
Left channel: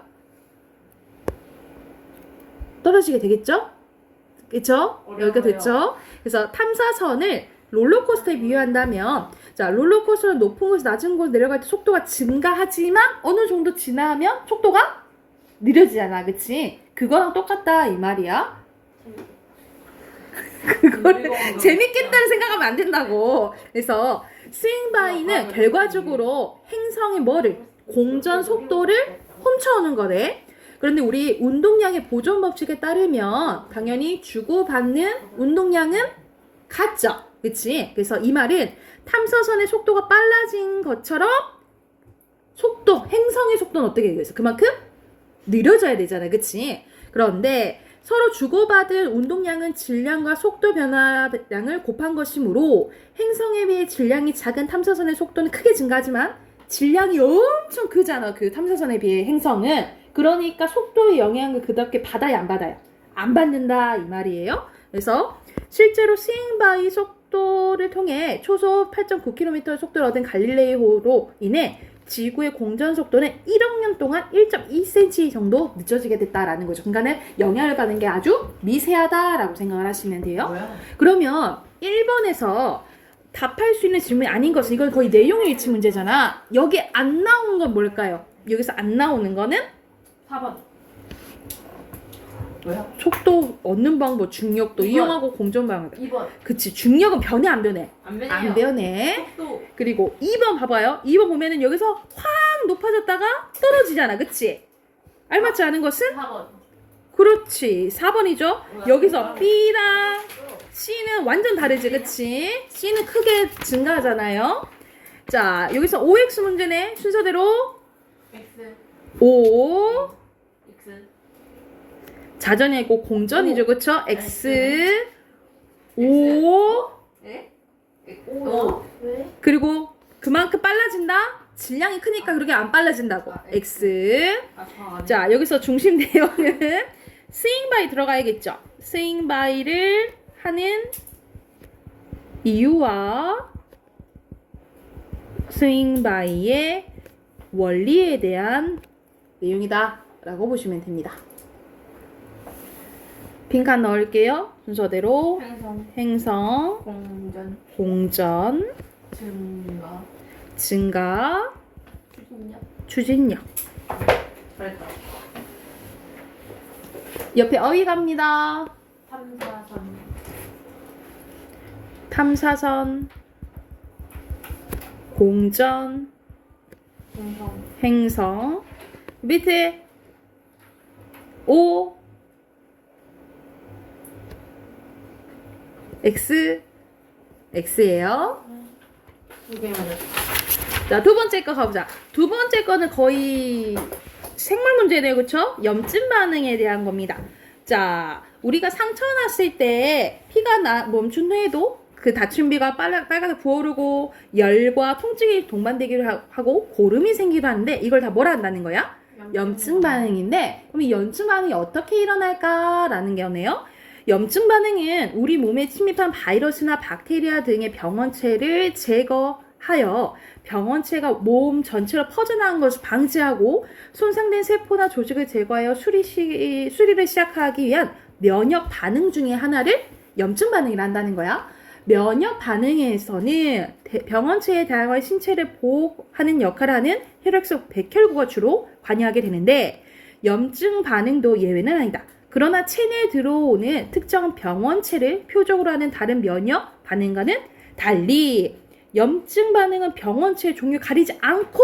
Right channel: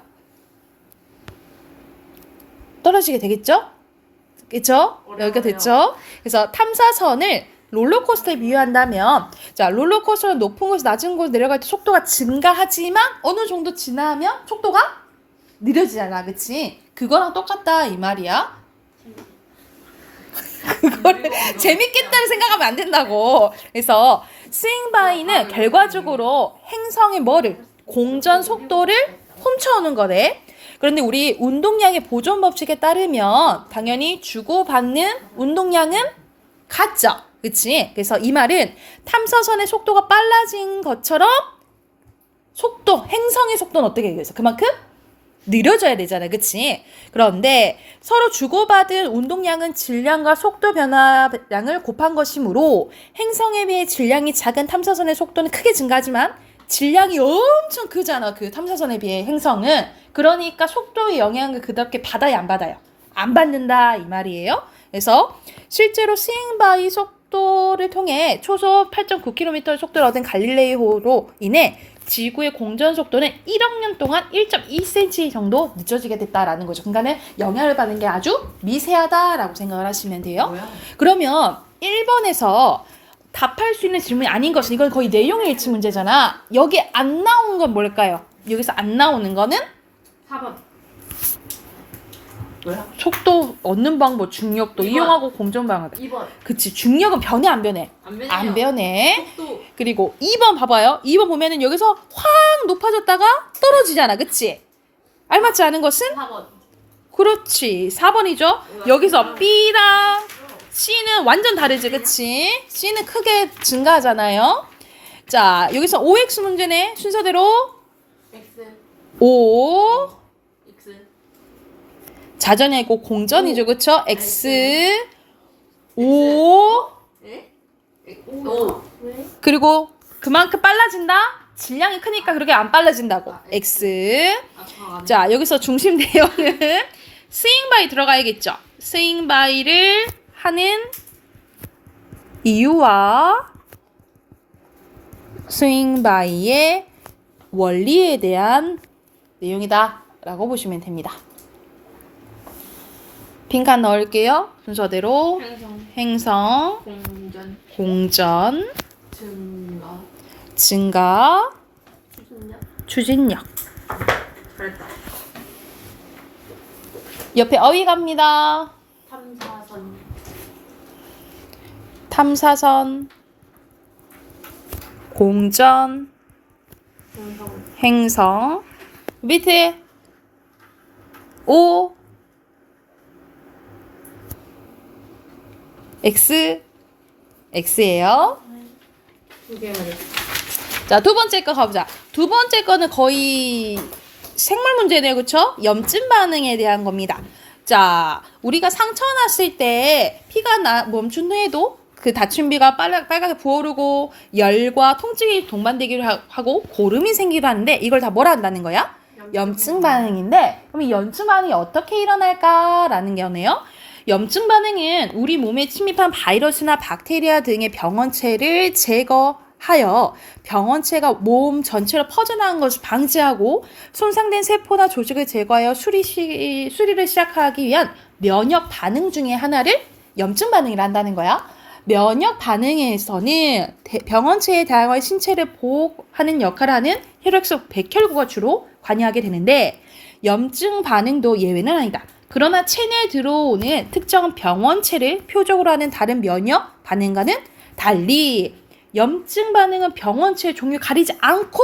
떨어지게 되겠죠? 그쵸? 여기가 됐죠? 그래서 탐사선을 롤러코스터에 비유한다면, 자, 롤러코스터는 높은 곳에서 낮은 곳으로 내려갈 때 속도가 증가하지만 어느 정도 지나면 속도가 느려지잖아. 그치? 그거랑 똑같다 이 말이야. 그거를 재밌겠다는 생각하면 안 된다고. 그래서 스윙바이는 결과적으로 행성의 뭐를? 공전 속도를 훔쳐오는 거네. 그런데 우리 운동량의 보존 법칙에 따르면 당연히 주고받는 운동량은 같죠. 그치? 그래서 이 말은 탐사선의 속도가 빨라진 것처럼 행성의 속도는 어떻게 되겠어? 그만큼 느려져야 되잖아. 그치? 그런데 서로 주고받은 운동량은 질량과 속도 변화량을 곱한 것이므로 행성에 비해 질량이 작은 탐사선의 속도는 크게 증가하지만 질량이 엄청 크잖아. 그 탐사선에 비해 행성은. 그러니까 속도의 영향을 그렇게 받아야 안 받아요? 안 받는다 이 말이에요. 그래서 실제로 스윙바이 속도를 통해 초속 8.9km의 속도를 얻은 갈릴레이호로 인해 지구의 공전 속도는 1억 년 동안 1.2cm 정도 늦어지게 됐다라는 거죠. 그러니까는 영향을 받는 게 아주 미세하다라고 생각을 하시면 돼요. 뭐야? 그러면 1번에서 답할 수 있는 질문이 아닌 것은, 이건 거의 내용의 일치 문제잖아. 여기 안 나온 건 뭘까요? 여기서 안 나오는 거는 4번. 뭐야? 속도 얻는 방법, 중력도 2번. 이용하고 공전 방향. 2번. 그치, 중력은 변해 안 변해? 안 변해요. 안 변해. 속도. 그리고 2번 봐봐요. 2번 보면은 여기서 확 높아졌다가 떨어지잖아. 그치? 알맞지 않은 것은? 4번. 그렇지. 4번이죠. 여기서 B랑 C는 완전 다르지. 그치? C는 크게 증가하잖아요. 자, 여기서 OX 문제네. 순서대로 X. O X. 자전이고 공전이죠. 그쵸? X O 네? 오. 왜? 그리고 그만큼 빨라진다? 질량이 크니까 그렇게 안 빨라진다고. X. 자, 여기서 중심 내용은 스윙바이 들어가야겠죠. 스윙바이를 하는 이유와 스윙바이의 원리에 대한 내용이다 라고 보시면 됩니다. 빈칸 넣을게요. 순서대로 행성, 공전, 증가, 추진력. 잘했다. 옆에 어휘 갑니다. 탐사선, 공전, 행성. 밑에 O, X, X예요. 자, 두 번째 거 가보자. 두 번째 거는 거의 생물 문제네요. 그쵸? 염증 반응에 대한 겁니다. 자, 우리가 상처 났을 때 피가 멈춘 후에도 그 다친 비가 빨갛게 부어오르고 열과 통증이 동반되기도 하고 고름이 생기기도 하는데, 이걸 다 뭐라 한다는 거야? 염증 반응인데, 그럼 이 염증 반응이 어떻게 일어날까라는 거네요. 염증 반응은 우리 몸에 침입한 바이러스나 박테리아 등의 병원체를 제거하여 병원체가 몸 전체로 퍼져나간 것을 방지하고 손상된 세포나 조직을 제거하여 수리를 시작하기 위한 면역 반응 중에 하나를 염증 반응이라 한다는 거야. 면역 반응에서는 병원체의 다양한 신체를 보호하는 역할을 하는 혈액속 백혈구가 주로 관여하게 되는데, 염증 반응도 예외는 아니다. 그러나 체내에 들어오는 특정 병원체를 표적으로 하는 다른 면역 반응과는 달리 염증 반응은 병원체의 종류 가리지 않고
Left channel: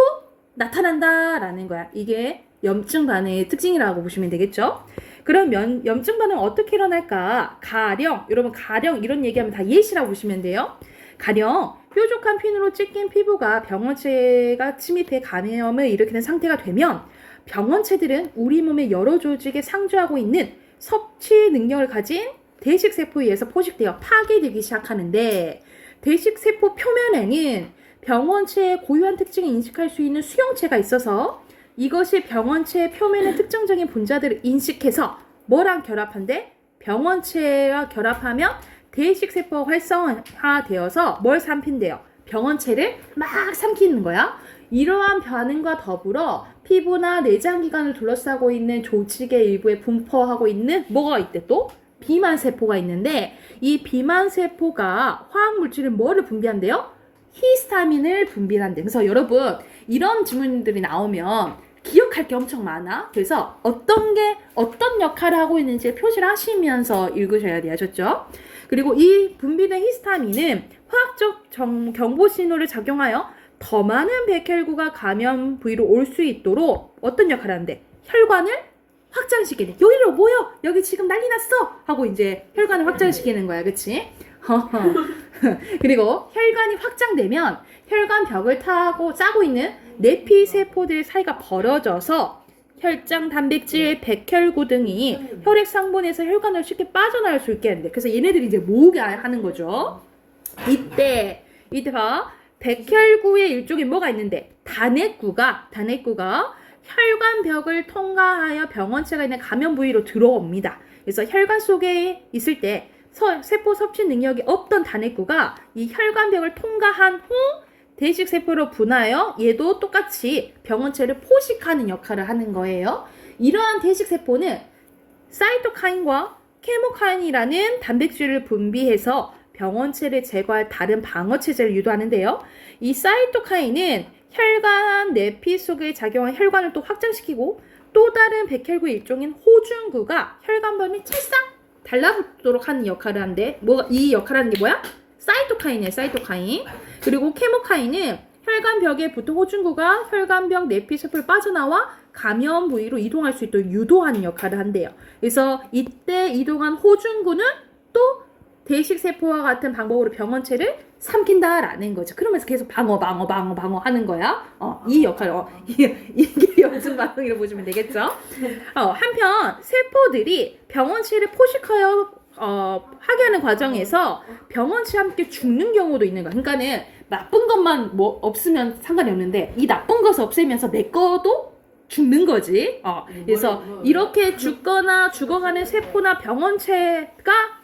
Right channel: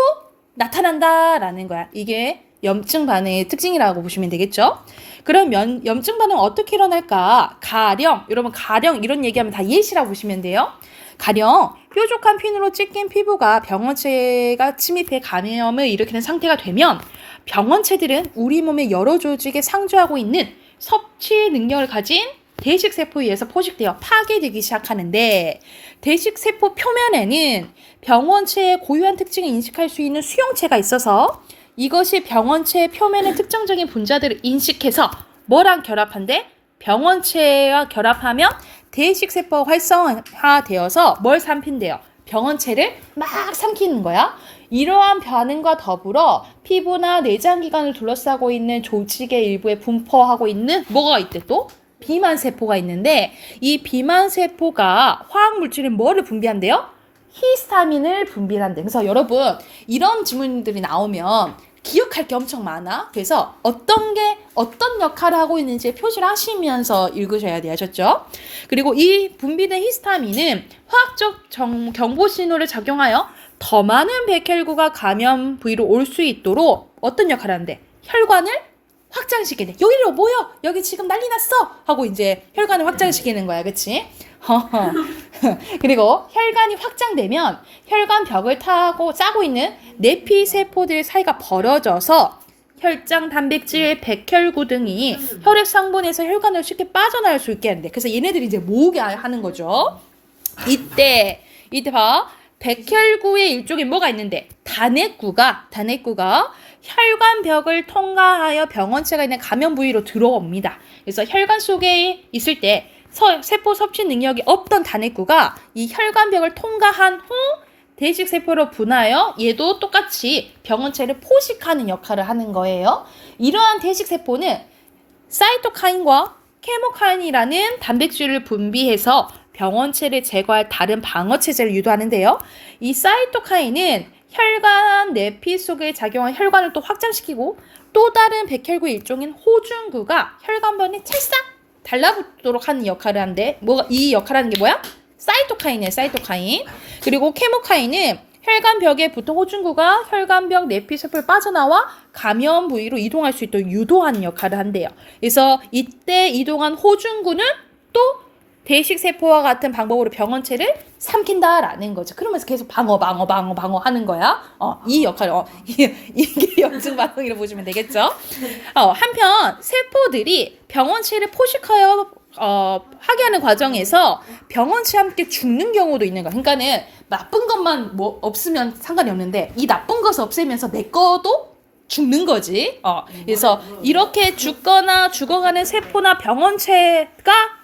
나타난다라는 거야. 이게 염증 반응의 특징이라고 보시면 되겠죠. 그럼 염증 반응은 어떻게 일어날까? 가령 여러분 가령 이런 얘기하면 다 예시라고 보시면 돼요. 가령 뾰족한 핀으로 찢긴 피부가 병원체가 침입해 감염을 일으키는 상태가 되면 병원체들은 우리 몸의 여러 조직에 상주하고 있는 섭취 능력을 가진 대식세포에 의해서 포식되어 파괴되기 시작하는데 대식세포 표면에는 병원체의 고유한 특징을 인식할 수 있는 수용체가 있어서 이것이 병원체의 표면의 특정적인 분자들을 인식해서 뭐랑 결합한대? 병원체와 결합하면 대식세포가 활성화되어서 뭘 삼킨대요? 병원체를 막 삼키는 거야. 이러한 반응과 더불어 피부나 내장기관을 둘러싸고 있는 조직의 일부에 분포하고 있는 뭐가 있대 또? 비만세포가 있는데 이 비만세포가 화학물질은 뭐를 분비한대요? 히스타민을 분비한대. 그래서 여러분 이런 질문들이 나오면 기억할 게 엄청 많아. 그래서 어떤 역할을 하고 있는지 표시를 하시면서 읽으셔야 돼요. 아셨죠? 그리고 이 분비된 히스타민은 화학적 경고 신호를 작용하여 더 많은 백혈구가 감염 부위로 올 수 있도록 어떤 역할을 하는데 혈관을 확장시키네. 여기로 모여. 여기 지금 난리 났어. 하고 이제 혈관을 확장시키는 거야. 그치? 그리고 혈관이 확장되면 혈관 벽을 타고 짜고 있는 내피세포들 사이가 벌어져서 혈장, 단백질, 백혈구 등이 혈액 성분에서 혈관을 쉽게 빠져나올 수 있게 하는데 그래서 얘네들이 이제 모으게 하는 거죠. 이때 봐. 백혈구의 일종인 뭐가 있는데 단핵구가 혈관벽을 통과하여 병원체가 있는 감염 부위로 들어옵니다. 그래서 혈관 속에 있을 때 세포 섭취 능력이 없던 단핵구가 이 혈관벽을 통과한 후 대식세포로 분화하여 얘도 똑같이 병원체를 포식하는 역할을 하는 거예요. 이러한 대식세포는 사이토카인과 케모카인이라는 단백질을 분비해서 병원체를 제거할 다른 방어체제를 유도하는데요. 이 사이토카인은 혈관 내피 속에 작용한 혈관을 또 확장시키고 또 다른 백혈구 일종인 호중구가 혈관변에 찰싹 달라붙도록 하는 역할을 하는데 이 역할을 하는 게 뭐야? 사이토카인이에요. 사이토카인. 그리고 케모카인은 혈관벽에 붙은 호중구가 혈관벽 내피세포를 빠져나와 감염 부위로 이동할 수 있도록 유도하는 역할을 한대요. 그래서 이때 이동한 호중구는 또 대식세포와 같은 방법으로 병원체를 삼킨다라는 거죠. 그러면서 계속 방어 하는 거야. 이 역할을, 이게 염증 반응이라고 보시면 되겠죠. 한편 세포들이 병원체를 포식하여 하게 하는 과정에서 병원체와 함께 죽는 경우도 있는 거야. 그러니까는 나쁜 것만 뭐 없으면 상관이 없는데 이 나쁜 것을 없애면서 내 거도 죽는 거지. 그래서 이렇게 죽어가는 세포나 병원체가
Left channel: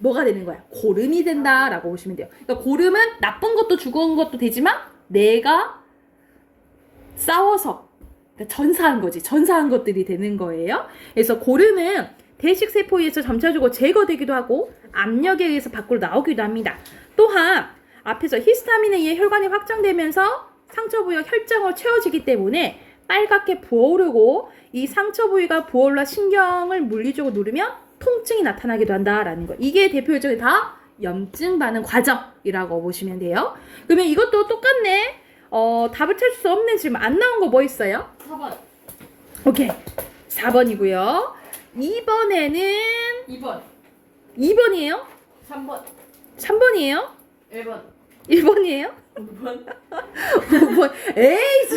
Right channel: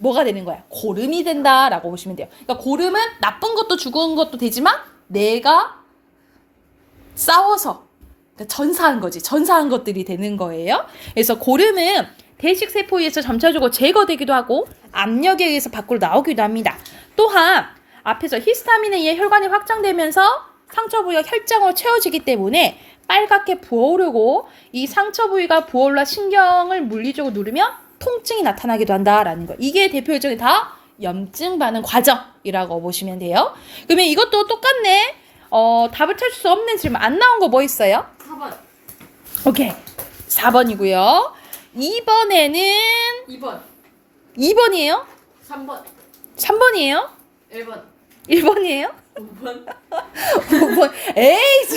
뭐가 되는 거야? 고름이 된다라고 보시면 돼요. 그러니까 고름은 나쁜 것도 죽은 것도 되지만 내가 싸워서 그러니까 전사한 거지. 전사한 것들이 되는 거예요. 그래서 고름은 대식세포에 의해서 점차적으로 제거되기도 하고 압력에 의해서 밖으로 나오기도 합니다. 또한 앞에서 히스타민에 의해 혈관이 확장되면서 상처 부위가 혈장으로 채워지기 때문에 빨갛게 부어오르고 이 상처 부위가 부어올라 신경을 물리적으로 누르면 통증이 나타나기도 한다라는 거. 이게 대표적인 다 염증 반응 과정이라고 보시면 돼요. 그러면 이것도 똑같네. 답을 찾을 수 없는 질문 안 나온 거 뭐 있어요? 4번. 오케이. 4번이고요. 2번에는 2번. 2번이에요? 3번. 3번이에요? 1번. 1번이에요? 5번. 5번. 에이,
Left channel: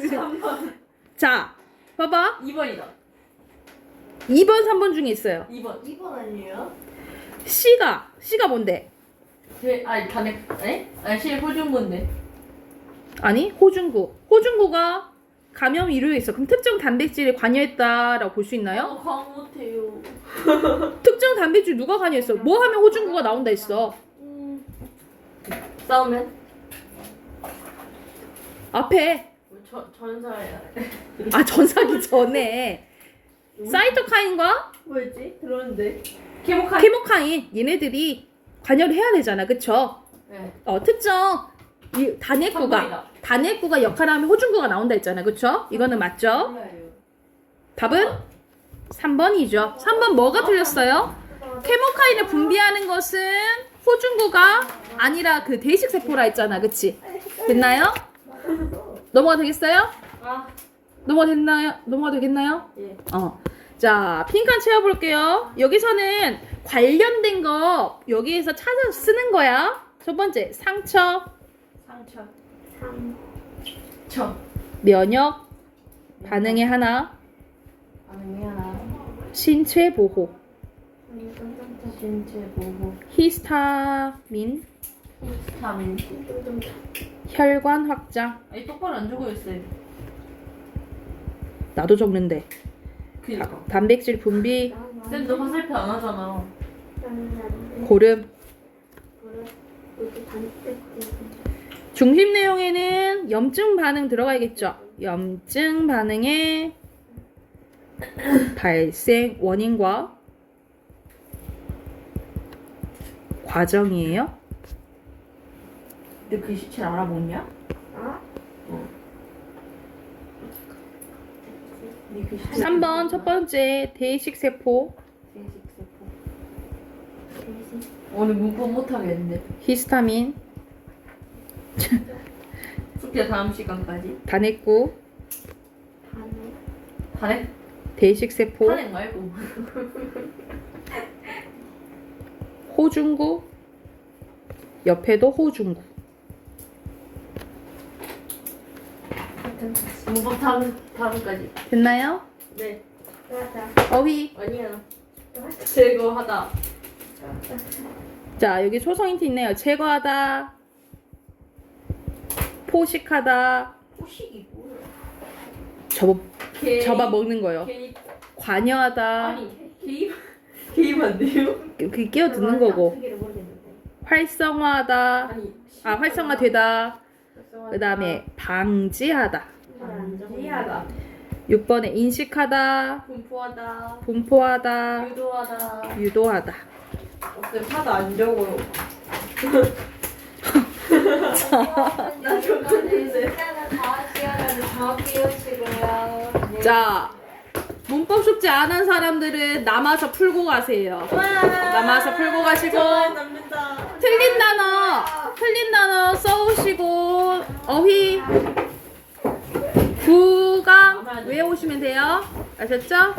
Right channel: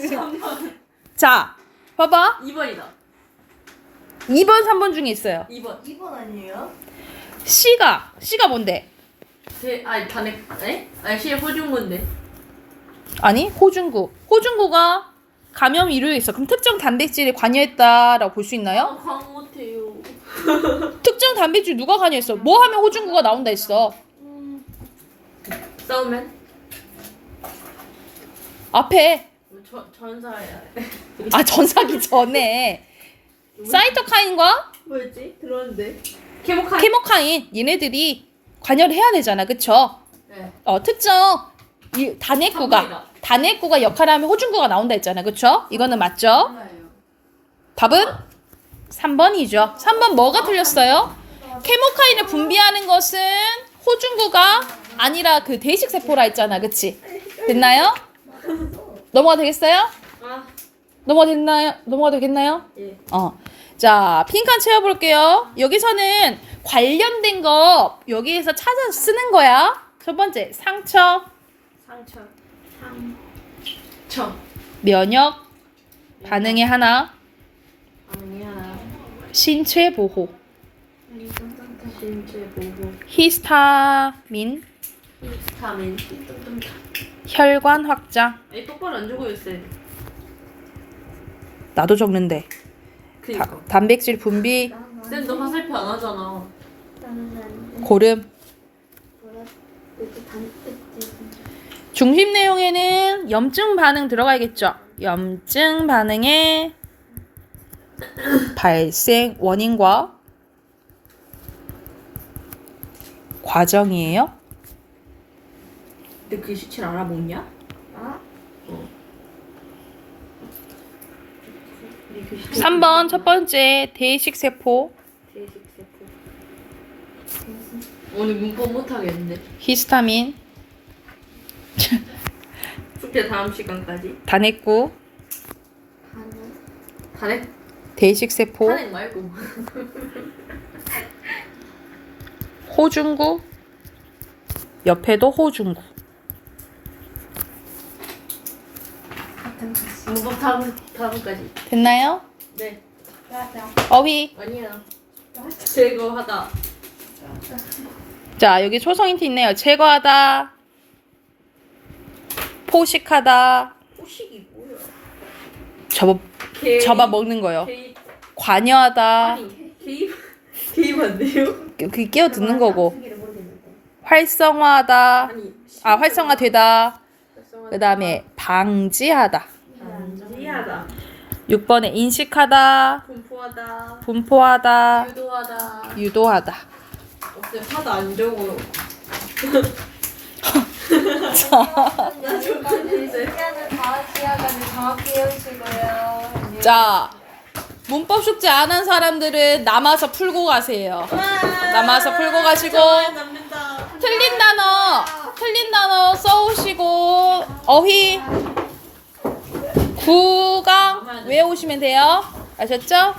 지금. 3번. 자, 봐봐. 2번이다. 2번, 3번 중에 있어요. 2번. 2번 아니에요? C가 뭔데? 아니, 실 호중문데. 아니, 호중구가 감염 이루에 있어. 그럼 특정 단백질에 관여했다라고 볼 수 있나요? 강 못해요. 특정 단백질 누가 관여했어? 뭐 하면 호중구가 나온다 했어? 싸우면? 앞에 전사야. 전사기 전에 사이토카인과 뭐였지? 들었는데. 케모카인 얘네들이 관여를 해야 되잖아. 그쵸? 네. 특정 이 단핵구가 역할을 하면 호중구가 나온다 했잖아. 그쵸? 이거는 맞죠? 몰라요. 답은 3번이죠. 3번 뭐가 틀렸어요? 케모카인을 분비하는 것은 호중구가 아니라 그 대식세포라 했잖아. 그치? 됐나요? 넘어가 되겠어요? 아. 넘어가 되겠나요? 예. 자, 핑칸 채워볼게요. 여기서는 관련된 거 여기에서 찾아서 쓰는 거야. 첫 번째, 상처, 상처. 면역, 반응의 하나, 반응이 하나. 신체 보호, 신체 보호. 히스타민, 비타민. 혈관 확장. 아니 똑바로 안 적어요 쌤. 나도 적는데. 그니까. 단백질 분비, 쌤 너 화살표 안 하잖아. 고름. 중심 내용에는 염증 반응 들어가야겠죠. 염증 반응의 발생 원인과 과정이에요. 근데 그 수치를 알아먹냐? 어. 3번 첫 번째 대의식 세포, 오늘 문법 못하겠는데. 히스타민, 숙제 다음 시간까지. 단핵구, 탄핵? 대의식 세포, 탄핵 말고. 호중구, 옆에도 호중구. 문법 다음까지. 됐나요? 네. 어휘. 아니야. 제거하다. 자, 여기 초성 힌트 있네요. 제거하다, 포식하다, 후식이 뭐야? 접어 먹는 거요. 개입. 관여하다, 아니 개입 안 돼요? 그게 끼어드는 거고. 활성화하다, 아니. 활성화되다. 그 다음에 방지하다. 방지하다. 6번에 인식하다, 분포하다. 분포하다, 유도하다. 유도하다. 쌤 하도 안 적어요. 나 시간은 다음 시간까지 더 깨우시고요. 자, 문법 숙제 안 한 사람들은 남아서 풀고 가세요. 남아서 풀고 가시고 틀린 단어 써오시고 어휘 구강 외우시면 돼요. 아셨죠?